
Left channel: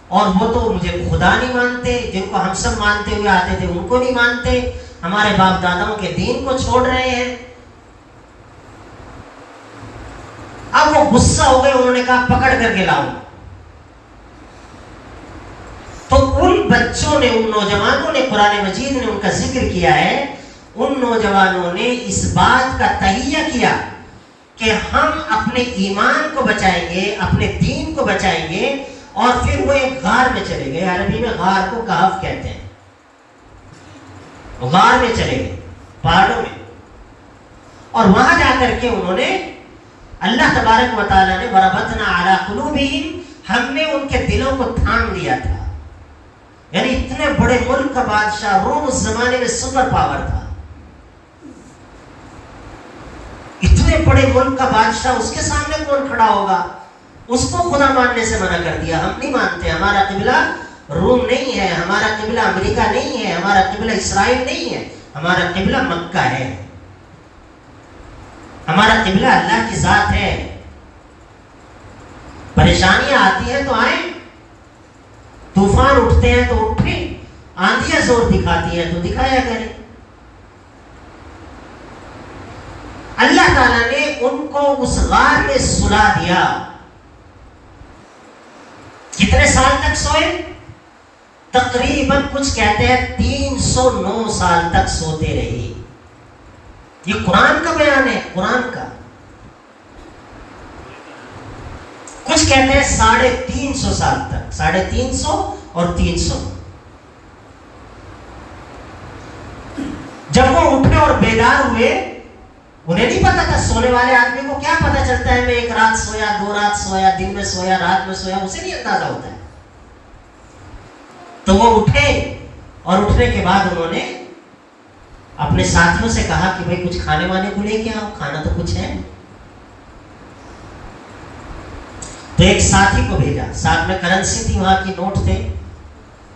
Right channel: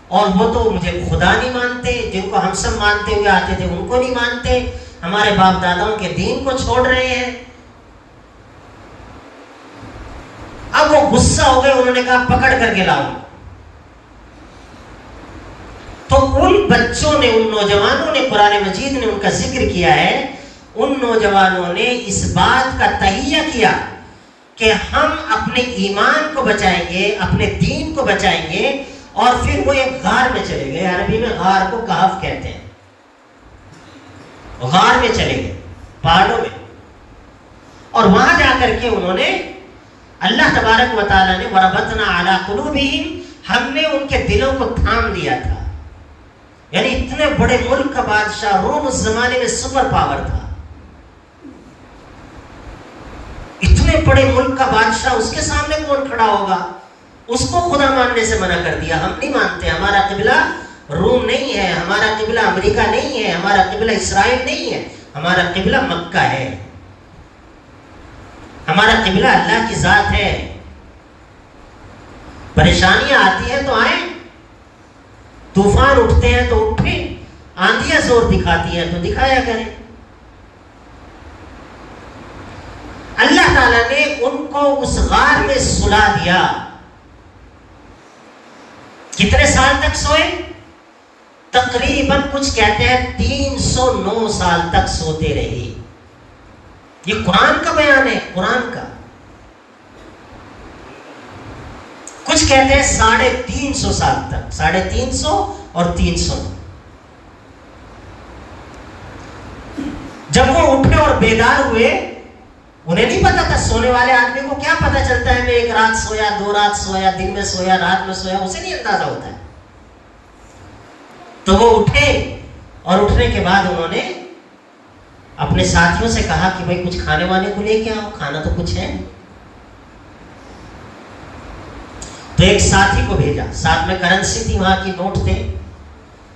اور وہ تو مجھے خدا نہیں مانتے، جن کو ہم سب مانتے ہوئے آتے تھے ان کو نہیں مانتے، ہمارے باپ داداؤں کے دین کو چھوڑ رہے ہیں. اب وہ غصہ ہو گئے. انہوں نے کہا پکڑ کر کے لاؤ. تو ان بچوں نے، ان نوجوانوں نے، قرآن مجید نے ان کا ذکر کیا ہے، ان نوجوانوں نے اس بات کا تہیہ کیا کہ ہم اپنے ایمان کو بچائیں گے، اپنے دین کو بچائیں گے. اور پھر وہ ایک غار میں چلے گئے. عربی میں غار کو کہف کہتے ہیں. غار میں چلے گئے، پہاڑوں میں، اور وہاں جا کر کے انہوں نے اللہ تبارک و تعالیٰ نے وربطنا علی قلوبہم، ہم نے ان کے دلوں کو تھام لیا تھا. یعنی اتنے بڑے ملک کا بادشاہ، روم اس زمانے میں سپر پاور تھا. اتنے بڑے ملک کا بادشاہ، اس کے سامنے کون کھڑا ہوگا؟ اس کو خدا ماننے سے منع کر دیا. ہم نہیں مانتے، ہمارا قبلہ روم نہیں ہے، ہمارا قبلہ امریکہ نہیں ہے، ہمارا قبلہ اسرائیل نہیں ہے، ہمارا قبلہ مکہ ہے، ہمارا قبلہ اللہ کی ذات ہے. پریشانیاں آتی ہیں تو آئیں، طوفان اٹھتے ہیں تو اٹھیں، آندیاں زور دکھاتی ہیں تو دکھایا کریں. اللہ تعالیٰ نے ان کو اس غار میں سلا دیا. کتنے سال تک سوئے؟ تقریباً کچھ کہتے ہیں 309 سال تک سوتے رہے. یہ قرآن کا بیان ہے، قرآن کا. کچھ کہتے ہیں 350 سال تک، 350 اور 300. جب وہ اٹھے اور بیدار ہوئے، انہیں نہیں پتا تھا. سونے والے آدمی کو کیا پتا چلتا ہے میں ایک رات سویا، 2 رات سویا، دن میں سویا، رات میں سویا، اسے نہیں اندازہ ہوتا ہے. تو وہ اٹھے اور اٹھنے کے بعد انہوں نے اپنے ساتھیوں سے کہا کہ بھئی کچھ کھانے وانے کو لے کے آؤ، کھانا تو کچھ ہے. تو ایک ساتھی کو بھیجا، ساتھ میں کرنسی تھی، وہاں کی نوٹ تھے.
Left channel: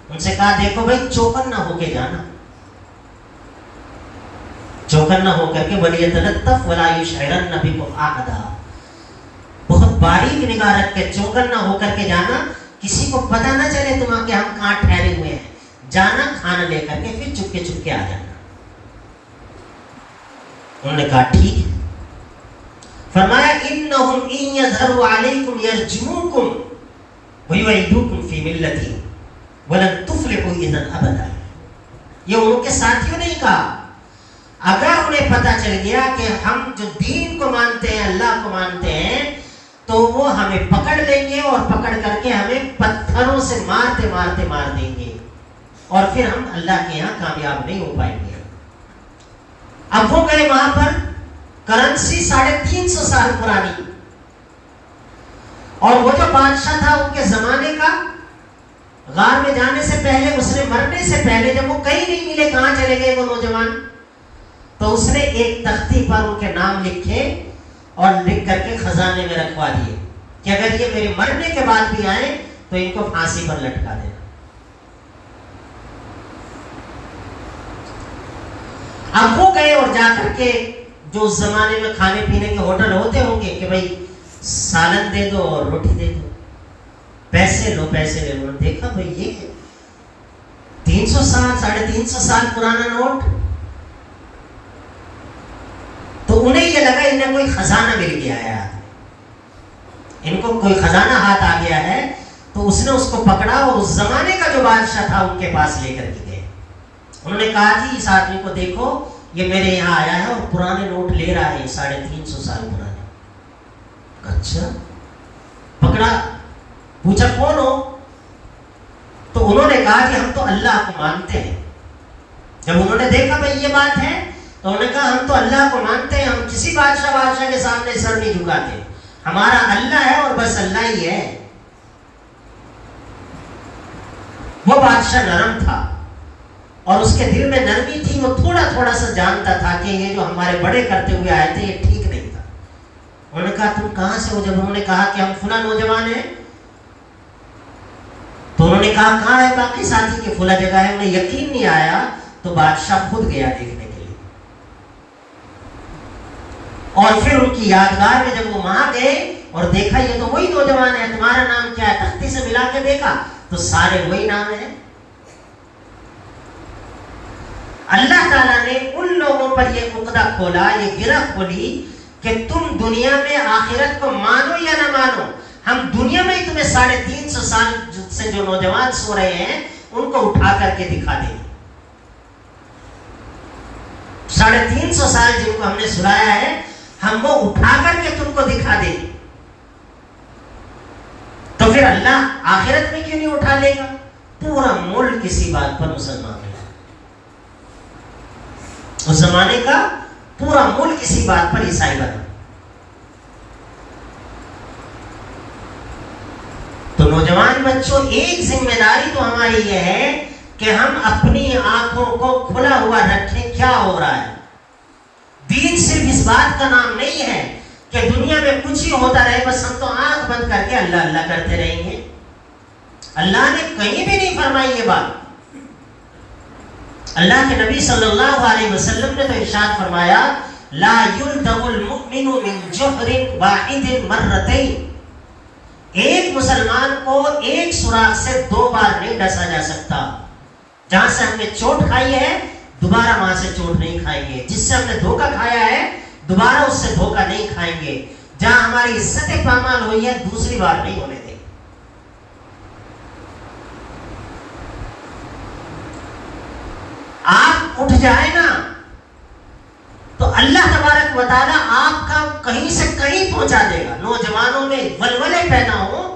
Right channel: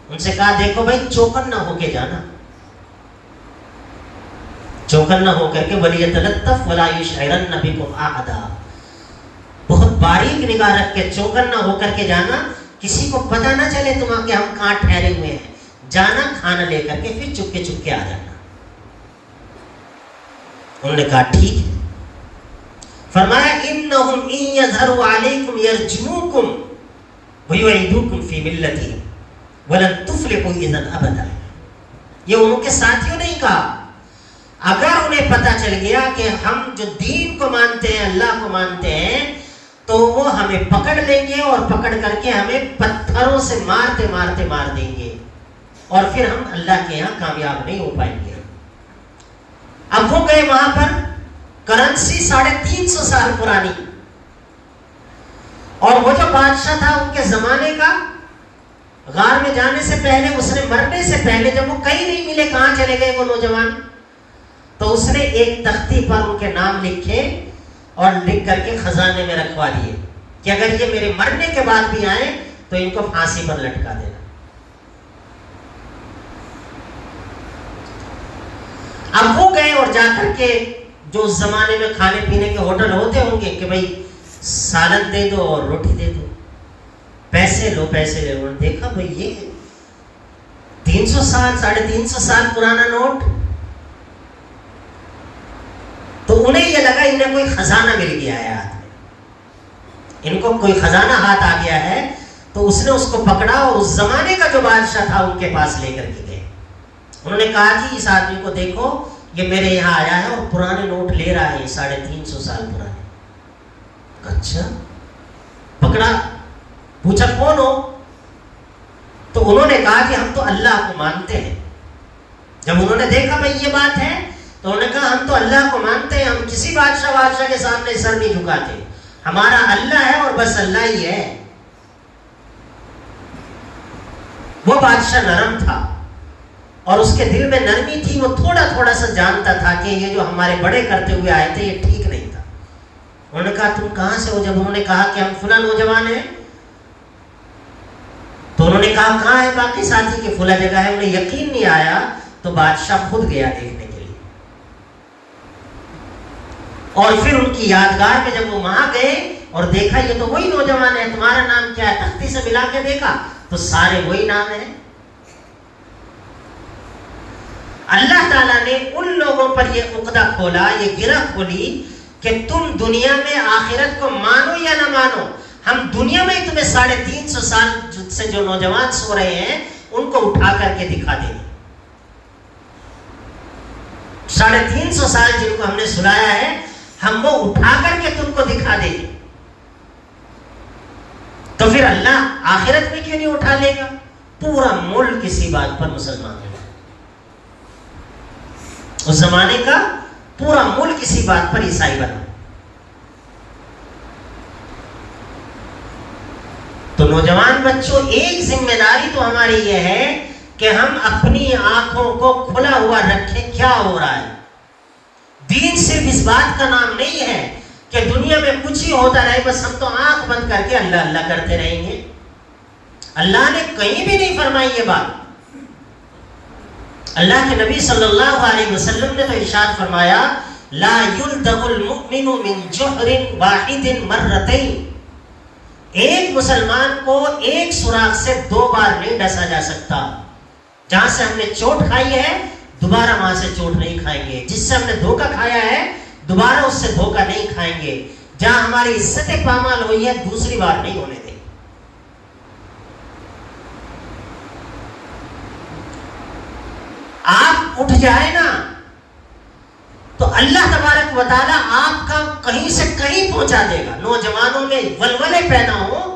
ان سے کہا دیکھو بھائی چوکن نہ ہو کے جانا، چوکن نہ ہو کر کے وَلْيَتَلَطَّفْ وَلَا يُشْعِرَنَّ بِكُمْ أَحَدًا، بہت باریک نگاہ رکھ کے چوکن نہ ہو کر کے جانا، کسی کو پتہ نہ چلے تمہاں کہ ہم کہاں ٹھہرے ہوئے ہیں. جانا کھانا لے کر کے پھر چپ کے آ جانا. انہوں نے کہا ٹھیک ہے. فرمایا إِنَّهُمْ إِن يَظْهَرُوا عَلَيْكُمْ يَرْجِمُوكُمْ وَيُعِيدُوكُمْ فِي مِلَّتِهِمْ وَلَن تُفْلِحُوا إِذًا أَبَدًا. یہ ان کے ساتھیوں نے کہا اگر انہیں پتہ چل گیا کہ ہم جو دین کو مانتے ہیں، اللہ کو مانتے ہیں، تو وہ ہمیں پکڑ لیں گے اور پکڑ کر کے ہمیں پتھروں سے مارتے مارتے مار دیں گے اور پھر ہم اللہ کے یہاں کامیاب نہیں ہو پائیں گے. اب وہ گئے وہاں پر، کرنسی 350 سال پرانی، اور وہ جو بادشاہ تھا ان کے زمانے کا، غار میں جانے سے پہلے، اس نے مرنے سے پہلے جب وہ کہیں نہیں ملے کہاں چلے گئے وہ نوجوان، تو اس نے ایک تختی پر ان کے نام لکھے اور لکھ کر کے خزانے میں رکھوا دیے کہ اگر یہ میرے مرنے کے بعد بھی آئے تو ان کو پھانسی پر لٹکا دینا. اب وہ گئے اور جا کر کے جو اس زمانے میں کھانے پینے کے ہوٹل ہوتے ہوں گے کہ بھئی سالن دے دو اور روٹی دے دو، پیسے لو پیسے لے لو. دیکھا بھئی یہ 300 سال 350 سال پرانا نوٹ. تو انہیں یہ لگا انہیں کوئی خزانہ مل گیا ہے، ان کو کوئی خزانہ ہاتھ آ گیا ہے. تو اس نے اس کو پکڑا اور اس زمانے کا جو بادشاہ تھا ان کے پاس لے کر کے گئے. انہوں نے کہا جی اس آدمی کو دیکھو، یہ میرے یہاں آیا ہے اور پرانے نوٹ لے رہا ہے 350 سال پرانے. اچھا، پکڑا، پوچھا کون ہو؟ تو انہوں نے کہا کہ ہم تو اللہ کو مانتے ہیں. جب انہوں نے دیکھا بھئی یہ بات ہے تو انہوں نے کہا ہم تو اللہ کو مانتے ہیں، ہم کسی بادشاہ کے سامنے سر نہیں جھکاتے، ہمارا اللہ ہے اور بس اللہ ہی ہے. وہ بادشاہ نرم تھا اور اس کے دل میں نرمی تھی، وہ تھوڑا تھوڑا سا جانتا تھا کہ یہ جو ہمارے بڑے کرتے ہوئے آئے تھے یہ ٹھیک نہیں تھا. انہوں نے کہا تم کہاں سے ہو؟ جب انہوں نے کہا کہ ہم فلاں نوجوان ہیں تو انہوں نے کہا کہاں ہے باقی ساتھی کہ فلاں جگہ ہے. انہیں یقین نہیں آیا تو بادشاہ خود گیا دیکھنے کے لیے، اور پھر ان کی یادگار میں جب وہ وہاں گئے اور دیکھا یہ تو وہی نوجوان ہے، تمہارا نام کیا ہے؟ تختی سے ملا کے دیکھا تو سارے وہی نام ہیں. اللہ تعالیٰ نے ان لوگوں پر یہ عقدہ کھولا، یہ گرہ کھولی کہ تم دنیا میں آخرت کو مانو یا نہ مانو، ہم دنیا میں ہی تمہیں 350 سال سے جو نوجوان سو رہے ہیں ان کو اٹھا کر کے دکھا دیں گے. 350 سال جن کو ہم نے سلایا ہے ہم وہ اٹھا کر کے تم کو دکھا دیں گے. تو پھر اللہ آخرت میں کیوں نہیں اٹھا لے گا؟ پورا ملک اسی بات پر مسلمان ہے. اس زمانے کا پورا ملک اسی بات پر عیسائی بنا. تو نوجوان بچوں، ایک ذمہ داری تو ہماری یہ ہے کہ ہم اپنی آنکھوں کو کھلا ہوا رکھیں کیا ہو رہا ہے. دین صرف اس اس بات کا نام نہیں ہے کہ دنیا میں کچھ ہی ہوتا رہے بس ہم تو آنکھ بند کر کے اللہ اللہ کرتے رہیں گے. اللہ نے کہیں بھی نہیں فرمائی یہ بات. اللہ کے نبی صلی اللہ علیہ وسلم نے تو ارشاد فرمایا لا يلدغ المؤمن من جحر واحد مرتين. ایک مسلمان کو ایک سوراخ سے 2 بار نہیں ڈسا جا سکتا. جہاں سے ہم نے چوٹ کھائی ہے دوبارہ وہاں سے چوٹ نہیں کھائیں گے. جس سے ہم نے دھوکہ کھایا ہے دوبارہ اس سے دھوکہ نہیں کھائیں گے. جہاں ہماری عزت پامال ہوئی ہے دوسری بار نہیں ہونے دیں. آپ اٹھ جائے نا تو اللہ تبارک و تعالیٰ آپ کا کہیں سے کہیں پہنچا دے گا. نوجوانوں میں ولولے پیدا ہو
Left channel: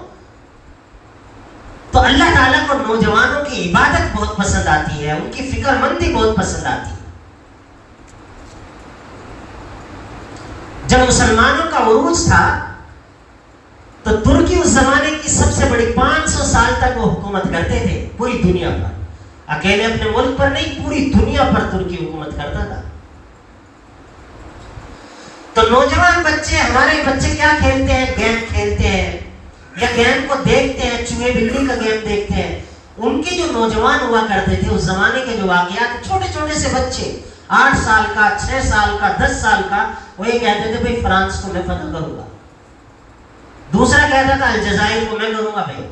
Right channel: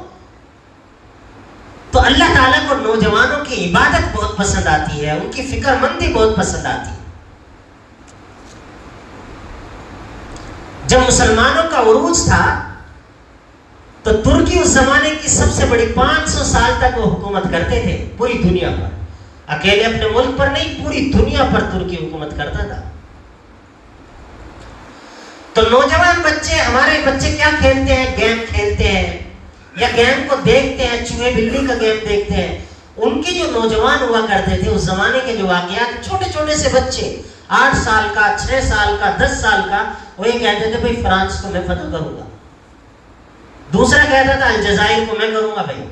تو اللہ تعالیٰ کو نوجوانوں کی عبادت بہت پسند آتی ہے, ان کی فکر مندی بہت پسند آتی ہے. جب مسلمانوں کا عروج تھا تو ترکی اس زمانے کی سب سے بڑی 500 سال تک وہ حکومت کرتے تھے پوری دنیا پر. اکیلے اپنے ملک پر نہیں پوری دنیا پر ترکی حکومت کرتا تھا. تو نوجوان بچے, ہمارے بچے کیا کھیلتے ہیں؟ گیم کھیلتے ہیں یا گیم کو دیکھتے ہیں, چوہے بلی کا گیم دیکھتے ہیں. ان کے جو نوجوان ہوا کرتے تھے اس زمانے کے جو واقعات, چھوٹے چھوٹے سے بچے 8 سال کا, 6 سال کا, 10 سال کا, وہ یہ کہتے تھے بھائی فرانس کو میں فتح کروں گا. دوسرا کہتا تھا الجزائر کو میں کروں گا بھائی.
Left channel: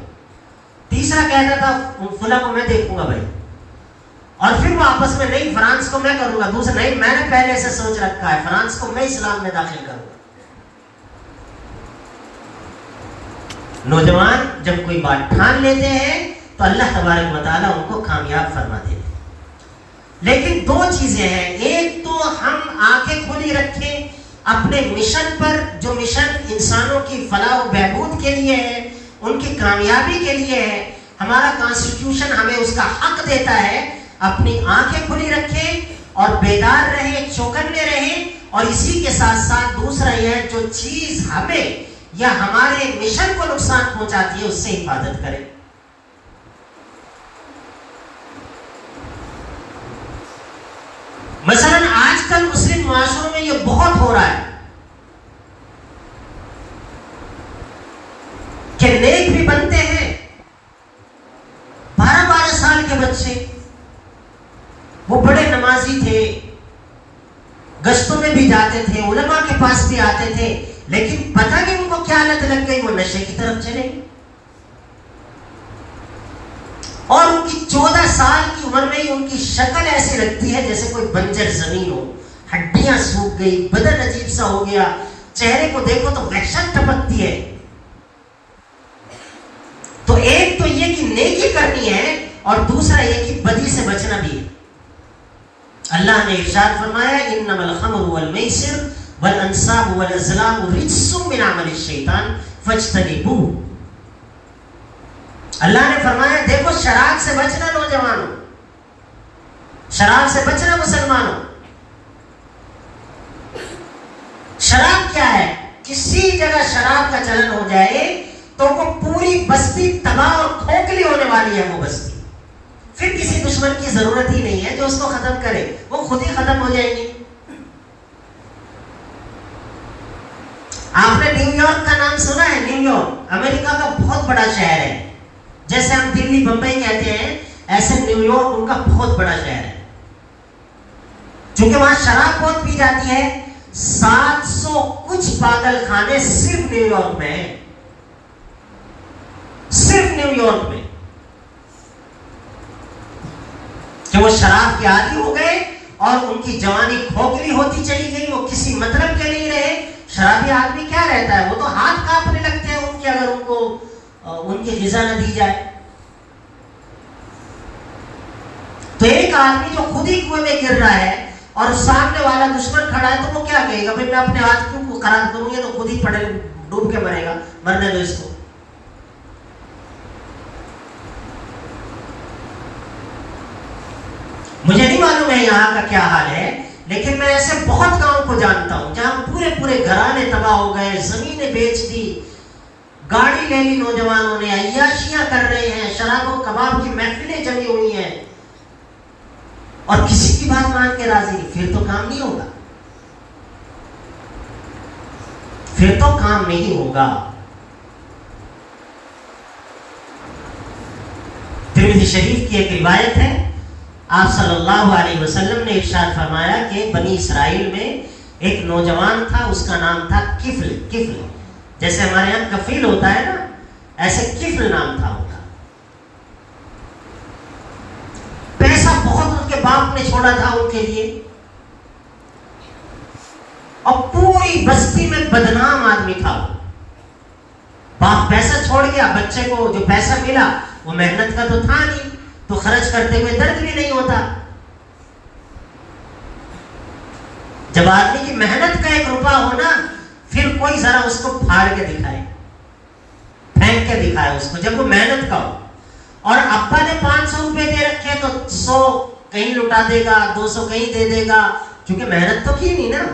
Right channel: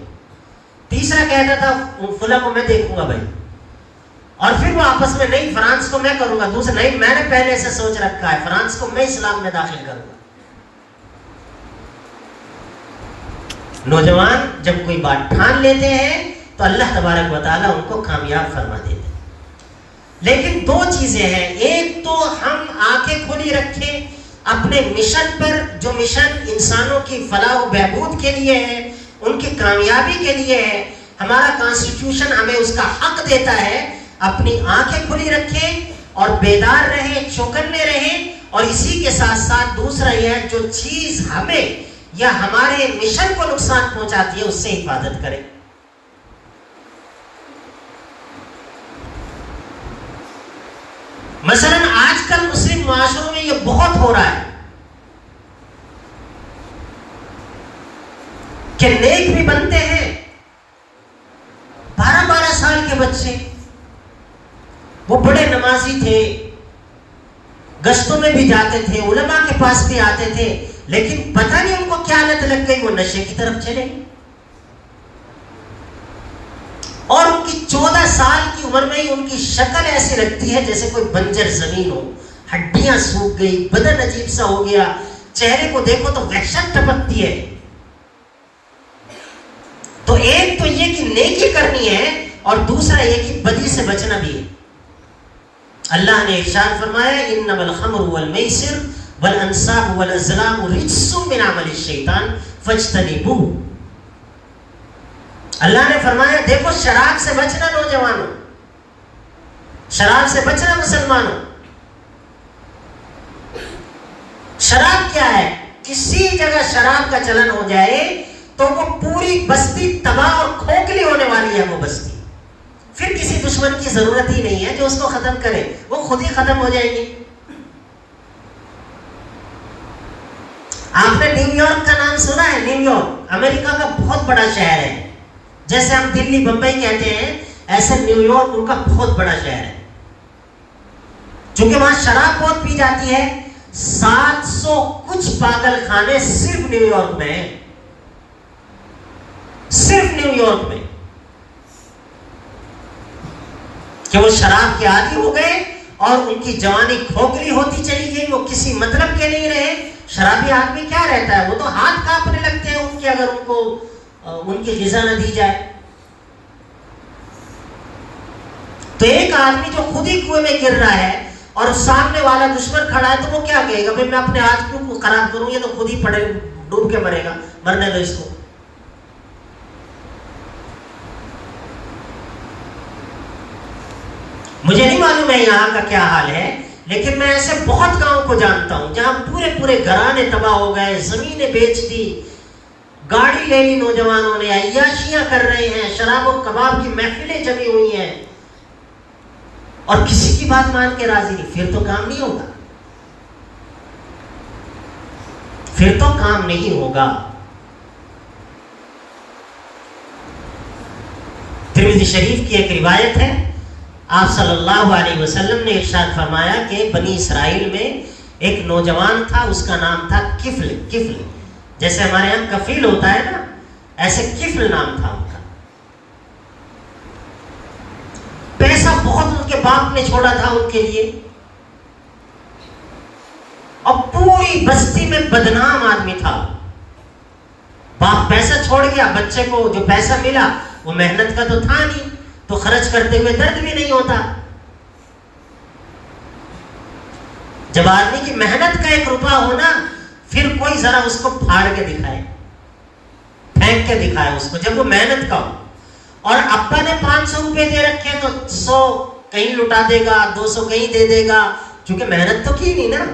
تیسرا کہتا تھا فلاں کو میں دیکھوں گا بھائی. اور پھر وہ آپس میں نہیں فرانس کو میں کروں گا, دوسرا نہیں میں نے پہلے سے سوچ رکھا ہے فرانس کو میں اسلام میں داخل کروں گا. نوجوان جب کوئی بات ٹھان لیتے ہیں تو اللہ تبارک و تعالیٰ ان کو کامیاب فرما دیتے ہیں. لیکن 2 چیزیں ہیں. ایک تو ہم آنکھیں کھلی رکھیں اپنے مشن پر, جو مشن انسانوں کی فلاح و بہبود کے لیے ہے, ان کی کامیابی کے لیے ہے. ہمارا کانسٹیٹیوشن ہمیں اس کا حق دیتا ہے. اپنی آنکھیں کھلی رکھیں اور بیدار رہیں, چوکنے رہیں. اور اسی کے ساتھ ساتھ دوسرا یہ ہے جو چیز ہمیں یا ہمارے مشن کو نقصان پہنچاتی ہے اس سے حفاظت کریں. مثلا آج کل مسلم معاشروں میں یہ بہت ہو رہا ہے کہ نیک بھی بنتے ہیں, 12 سال کے بچے, وہ بڑے نمازی تھے, گشتوں میں بھی جاتے تھے, علماء کے پاس بھی آتے تھے, لیکن پتہ نہیں ان کو کیا لت لگ گئی, وہ نشے کی طرف چلے. اور ان کی 14 سال کی عمر میں ہی ان کی شکل ایسی لگتی ہے جیسے کوئی بنجر زمین ہو, ہڈیاں سوکھ گئی, بدن عجیب سا ہو گیا, چہرے کو دیکھو تو وحشت ٹپکتی ہے. تو ایک تو یہ کہ نیکی کرنی ہے اور دوسرا یہ کہ بدی سے بچنا بھی ہے. اللہ نے ارشاد فرمایا انما الخمر والمیسر والانصاب والازلام رجس من عمل الشیطان فاجتنبوه. اللہ نے فرمایا دیکھو شراب سے بچنا نوجوانوں, شراب سے بچنا مسلمانوں. شراب کیا ہے؟ کسی جگہ شراب کا چلن ہو جائے تو وہ پوری بستی تباہ اور کھوکھلی ہونے والی ہے. وہ بستی پھر کسی دشمن کی ضرورت ہی نہیں ہے جو اس کو ختم کرے, وہ خود ہی ختم ہو جائے گی. آپ نے نیو یارک کا نام سنا ہے؟ نیو یارک امریکہ کا بہت بڑا شہر ہے. جیسے ہم دلی بمبئی کہتے ہیں ایسے نیو یارک ان کا بہت بڑا شہر ہے. چونکہ وہاں شراب بہت پی جاتی ہے, 700 کچھ پاگل خانے صرف نیو یارک میں ہیں, صرف نیو یارک میں, کہ وہ شراب کے عادی ہو گئے اور ان کی جوانی کھوکھلی ہوتی چلی گئی. وہ کسی مطلب کے لیے رہے. شرابی آدمی کیا رہتا ہے, وہ تو ہاتھ کانپنے لگتے ہیں ان کے اگر ان کو ان کی غذا نہ دی جائے. تو ایک آدمی جو خود ہی کنویں میں گر رہا ہے اور سامنے والا دشمن کھڑا ہے تو وہ کیا کہے گا, بھائی میں اپنے ہاتھ کو خراب کروں گا تو خود ہی پڑے ڈوب کے مرے گا, مرنے دو اس کو. مجھے نہیں معلوم ہے یہاں کا کیا حال ہے, لیکن میں ایسے بہت گاؤں کو جانتا ہوں جہاں پورے پورے گھرانے تباہ ہو گئے, زمینیں بیچ دی, گاڑی لے لی نوجوانوں نے, عیاشیاں کر رہے ہیں, شراب و کباب کی محفلیں جمی ہوئی ہیں, اور کسی کی بات مان کے راضی نہیں. پھر تو کام نہیں ہوگا. پھر تو کام نہیں ہوگا. ترمذی شریف کی ایک روایت ہے، آپ صلی اللہ علیہ وسلم نے ارشاد فرمایا کہ بنی اسرائیل میں ایک نوجوان تھا، اس کا نام تھا کفل. کفل جیسے ہمارے یہاں کفیل ہوتا ہے نا، ایسے کفل نام تھا ان کا. پیسہ بہت ان کے باپ نے چھوڑا تھا ان کے لیے، اور پوری بستی میں بدنام آدمی تھا. باپ پیسہ چھوڑ گیا، بچے کو جو پیسہ ملا وہ محنت کا تو تھا نہیں، تو خرچ کرتے ہوئے درد بھی نہیں ہوتا. جب آدمی کی محنت کا 1 روپیہ ہونا، پھر کوئی ذرا اس کو پھاڑ کے دکھائے، پھینک کے دکھائے اس کو، جب وہ محنت کا ہو. اور ابا نے 500 روپے دے رکھے تو 100 کہیں لٹا دے گا، 200 کہیں دے دے گا، کیونکہ محنت تو کی نہیں نا.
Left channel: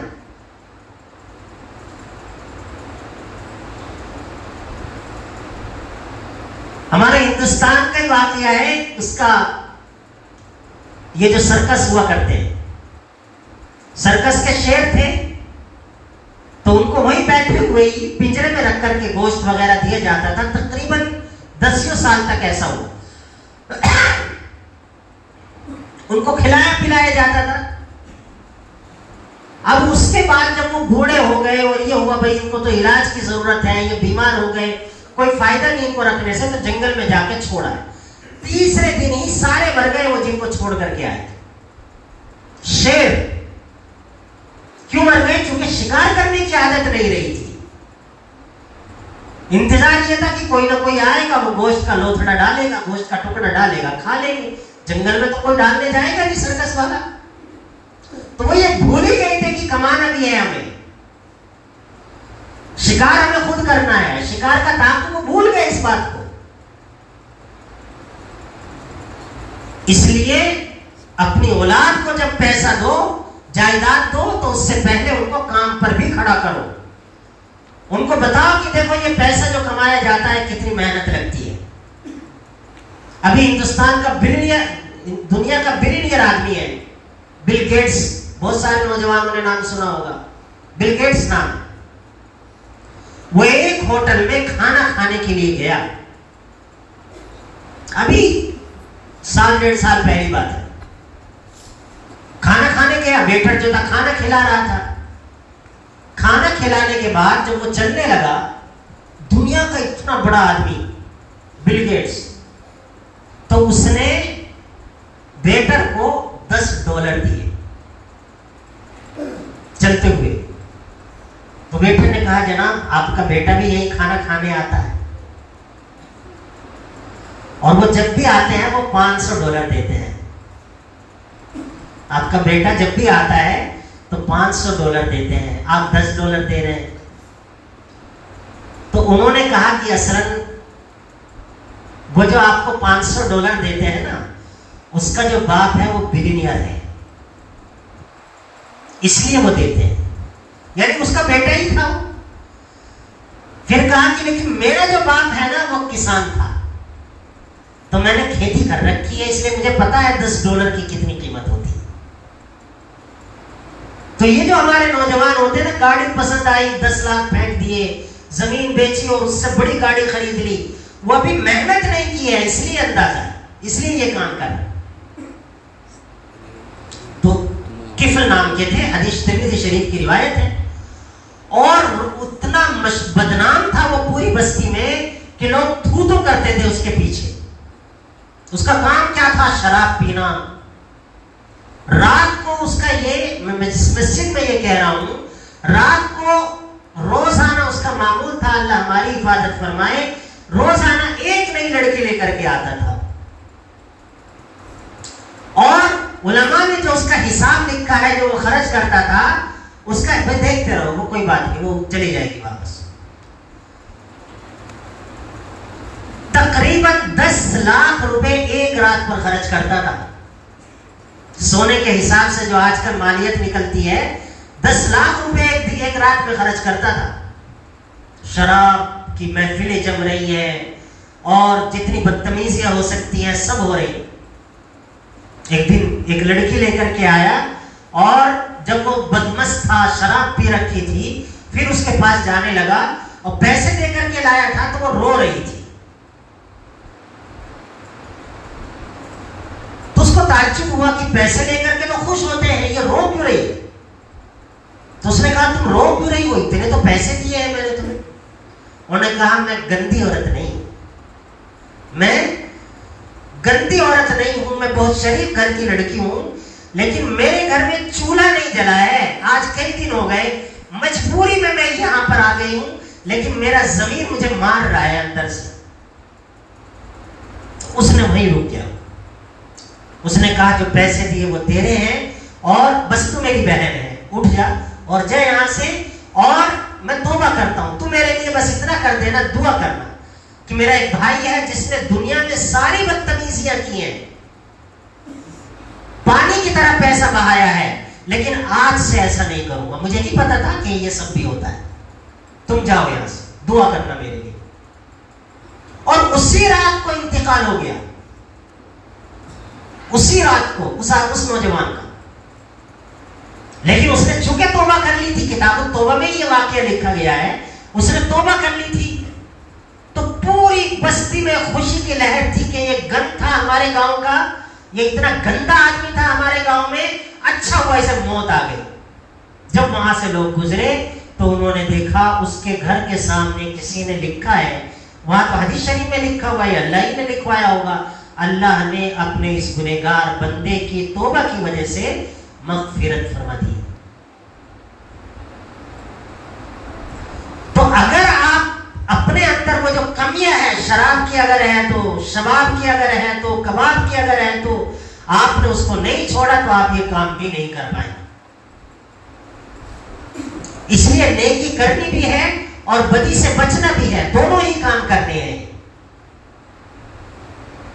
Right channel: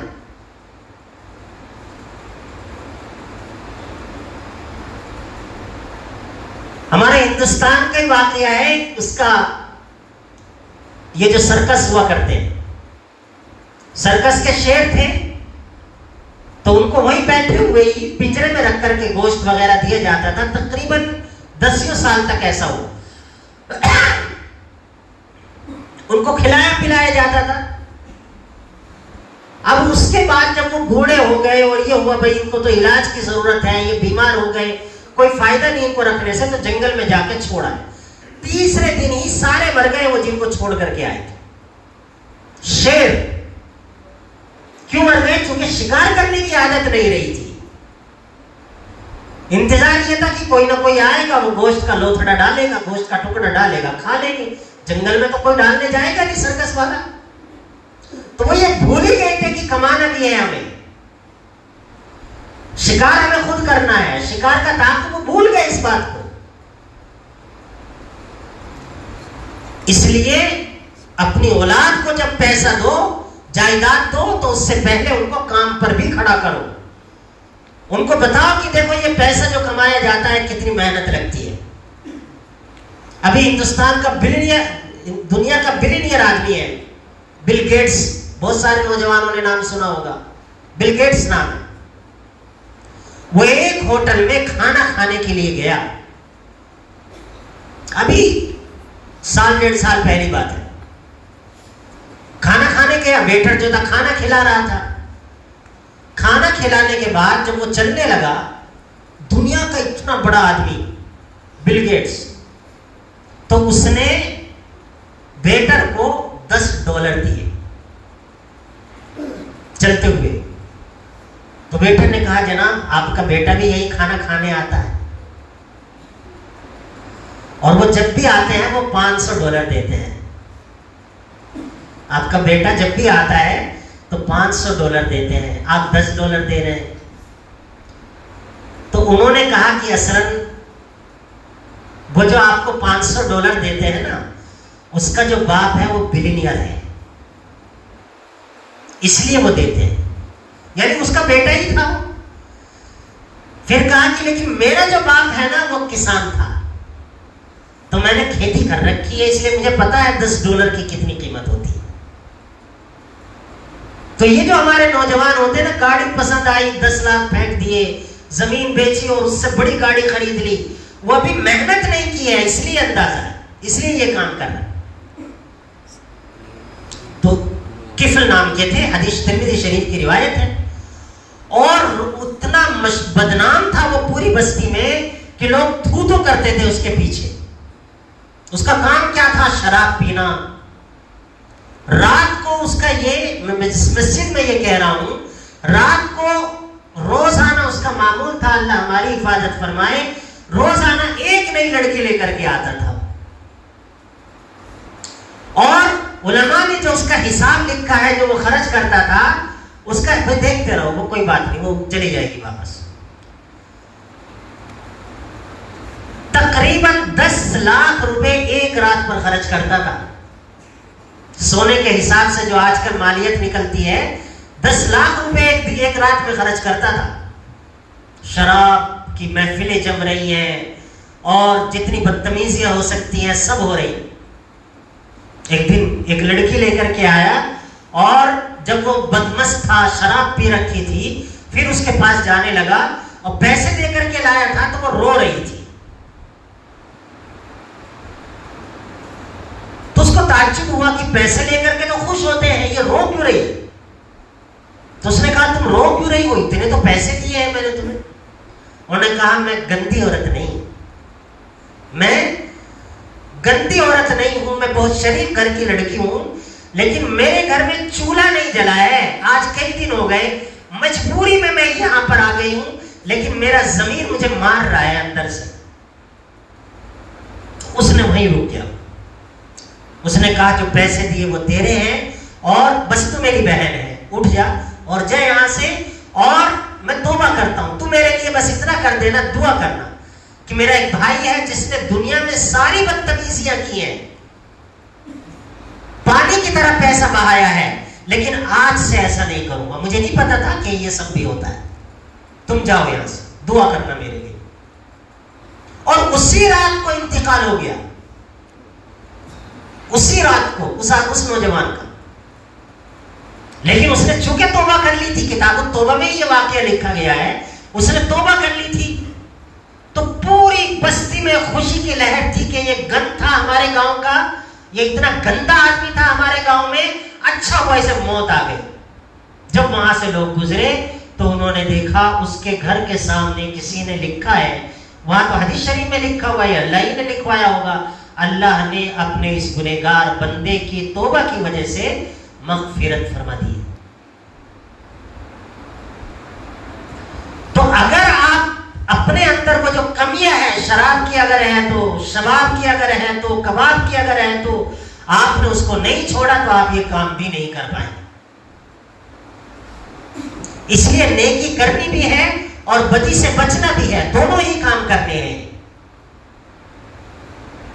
ہمارے ہندوستان کا ہی واقعہ ہے، اس کا یہ جو سرکس ہوا کرتے ہیں، سرکس کے شیر تھے، تو ان کو وہی بیٹھے ہوئے ہی پنجرے میں رکھ کر کے گوشت وغیرہ دیا جاتا تھا. تقریباً 10 سال تک ایسا ہوا. ان کو کھلایا پلایا جاتا تھا. اب اس کے بعد جب وہ بوڑھے ہو گئے اور یہ ہوا بھائی ان کو تو علاج کی ضرورت ہے، یہ بیمار ہو گئے، کوئی فائدہ نہیں ان کو رکھنے سے، تو جنگل میں جا کے چھوڑا ہے. تیسرے دن ہی سارے مر گئے وہ جن کو چھوڑ کر کے آئے تھے. شیر کیوں مر گئے؟ کیونکہ شکار کرنے کی عادت نہیں رہی تھی. انتظار یہ تھا کہ کوئی نہ کوئی آئے گا، وہ گوشت کا لوتھڑا ڈالے گا، گوشت کا ٹکڑا ڈالے گا، کھا لیں گے. جنگل میں تو کوئی ڈالنے جائے گا نہیں سرکس والا. تو وہ یہ بھول ہی گئے تھے کہ کمانا بھی ہے ہمیں، شکار ہمیں خود کرنا ہے، شکار کا طاقت وہ بھول گئے اس بات کو. اس لیے اپنی اولاد کو جب پیسہ دو، جائیداد دو، تو اس سے پہلے ان کو کام پر بھی کھڑا کرو. ان کو بتاؤ کہ دیکھو یہ پیسہ جو کمایا جاتا ہے کتنی محنت لگتی ہے. ابھی ہندوستان کا دنیا کا بلینئر آدمی ہے بل گیٹس. بہت سارے نوجوانوں نے نام سنا ہوگا، بل گیٹس نام. وہ ایک ہوٹل میں کھانا کھانے کے لیے گیا، ابھی 1.5 سال پہلی بات ہے. کھانا کھانے گیا، ویٹر جو تھا کھانا کھلا رہا تھا. کھانا کھلانے کے بعد جب وہ چلنے لگا، دنیا کا اتنا بڑا آدمی بل گیٹس، تو اس نے ویٹر کو $10 دیے چلتے ہوئے. تو ویٹر نے کہا جناب آپ کا بیٹا بھی یہی کھانا کھانے آتا ہے، اور وہ جب بھی آتے ہیں وہ $500 دیتے ہیں. آپ کا بیٹا جب بھی آتا ہے تو $500 دیتے ہیں، آپ $10 دے رہے ہیں. تو انہوں نے کہا کہ اصلاً وہ جو آپ کو $500 دیتے ہیں نا، اس کا جو باپ ہے وہ بلینئر ہے، اس لیے وہ دیتے ہیں. یعنی اس کا بیٹا ہی تھا. پھر کہا کہ لیکن میرا جو باپ ہے نا وہ کسان تھا، تو میں نے کھیتی کر رکھی ہے، اس لیے مجھے پتا ہے $10 کی کتنی قیمت ہوتی ہے. تو یہ جو ہمارے نوجوان ہوتے ہیں نا، گاڑی پسند آئی 10 لاکھ پھینک دیے، زمین بیچی اور اس سے بڑی گاڑی خرید لی، وہ ابھی محنت نہیں کی ہے، اس لیے اندازہ ہے، اس لیے یہ کام کر رہے. تو کفل نام کے تھے، حدیث ترمذی شریف کی روایت ہے. اور اتنا بدنام تھا وہ پوری بستی میں کہ لوگ تھو تو کرتے تھے اس کے پیچھے. اس کا کام کیا تھا؟ شراب پینا. رات کو اس کا یہ، میں مسجد میں یہ کہہ رہا ہوں، رات کو روزانہ اس کا معمول تھا، اللہ ہماری حفاظت فرمائے، روزانہ ایک نئی لڑکی لے کر کے آتا تھا. اور علماء نے جو اس کا حساب لکھا ہے، جو وہ خرچ کرتا تھا، اس کا دیکھتے رہو، وہ کوئی بات نہیں، وہ چلی جائے گی واپس. تقریباً 10 لاکھ روپے ایک رات پر خرچ کرتا تھا. سونے کے حساب سے جو آج کل مالیت نکلتی ہے، 10 لاکھ روپے ایک رات میں خرچ کرتا تھا. شراب کی محفلیں جم رہی ہیں اور جتنی بدتمیزیاں ہو سکتی ہیں سب ہو رہی. ایک دن ایک لڑکی لے کر کے آیا، اور جب وہ بدمست تھا، شراب پی رکھی تھی، پھر اس کے پاس جانے لگا اور پیسے دے کر کے لایا تھا تو وہ رو رہی تھی. تو اس کو تعجب ہوا کہ پیسے لے کر کے تو خوش ہوتے ہیں, یہ رو کیوں رہی ہے؟ تو اس نے کہا تم رو کیوں رہی ہو, اتنے تو پیسے دیے ہیں میں نے تمہیں. انہوں نے کہا میں گندی عورت نہیں, میں گندی عورت نہیں ہوں, میں بہت شریف گھر کی لڑکی ہوں, لیکن میرے گھر میں چولہا نہیں جلا ہے, آج کئی دن ہو گئے, مجبوری میں یہاں پر آ گئی ہوں, لیکن میرا ضمیر مجھے مار رہا ہے اندر سے. اس نے وہیں رک گیا. اس نے کہا جو پیسے دیے وہ تیرے ہیں اور بس تو میری بہن ہے, اٹھ جا اور جا یہاں سے, اور میں توبہ کرتا ہوں, تو میرے لیے بس اتنا کر دینا, دعا کرنا کہ میرا ایک بھائی ہے جس نے دنیا میں ساری بدتمیزیاں کی ہیں, پانی کی طرح پیسہ بہایا ہے, لیکن آج سے ایسا نہیں کروں گا, مجھے نہیں پتا تھا کہ یہ سب بھی ہوتا ہے, تم جاؤ یہاں سے, دعا کرنا میرے لیے. اور اسی رات کو انتقال ہو گیا, اسی رات کو اس نوجوان کا. لیکن اس نے چونکہ توبہ کر لی تھی, کتاب التوبہ میں یہ واقعہ لکھا گیا ہے, اس نے توبہ کر لی تھی, تو پوری بستی میں خوشی کی لہر تھی کہ یہ گند تھا ہمارے گاؤں کا, یہ اتنا گندا آدمی تھا ہمارے گاؤں میں, اچھا ہوا اسے موت آ گئی. جب وہاں سے لوگ گزرے تو انہوں نے دیکھا اس کے گھر کے سامنے کسی نے لکھا ہے, وہاں تو حدیث شریف میں لکھا ہوا ہے, اللہ ہی نے لکھوایا ہوگا, اللہ نے اپنے اس گنہگار بندے کی توبہ کی وجہ سے مغفرت فرما دی. تو اگر آپ اپنے اندر وہ جو کمیاں ہیں, شراب کی اگر ہے تو, شباب کی اگر ہے تو, کباب کی اگر ہے تو, آپ نے اس کو نہیں چھوڑا تو آپ یہ کام بھی نہیں کر پائیں. اس لیے نیکی کرنی بھی ہے اور بدی سے بچنا بھی ہے, دونوں ہی کام کرنے ہیں.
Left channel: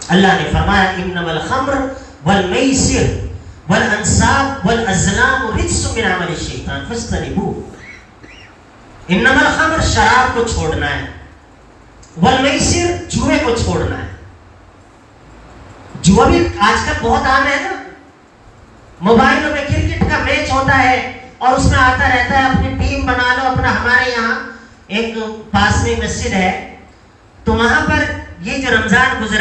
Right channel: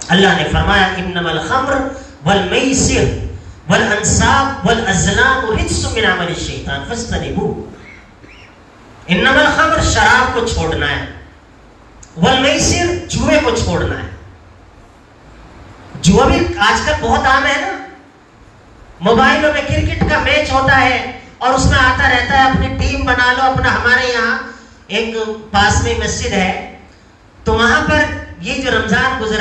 اللہ نے فرمایا انما الخمر والمیسر والانصاب والازلام رجس من عمل الشیطان فاجتنبوه. انما الخمر شراب کو چھوڑنا ہے, والمیسر جوئے کو چھوڑنا ہے. جوا بھی آج کل بہت عام ہے نا, موبائلوں میں کرکٹ کا میچ ہوتا ہے اور اس میں آتا رہتا ہے اپنی ٹیم بنا لو اپنا. ہمارے یہاں ایک پاس میں مسجد ہے, تو وہاں پر یہ جو رمضان گزرا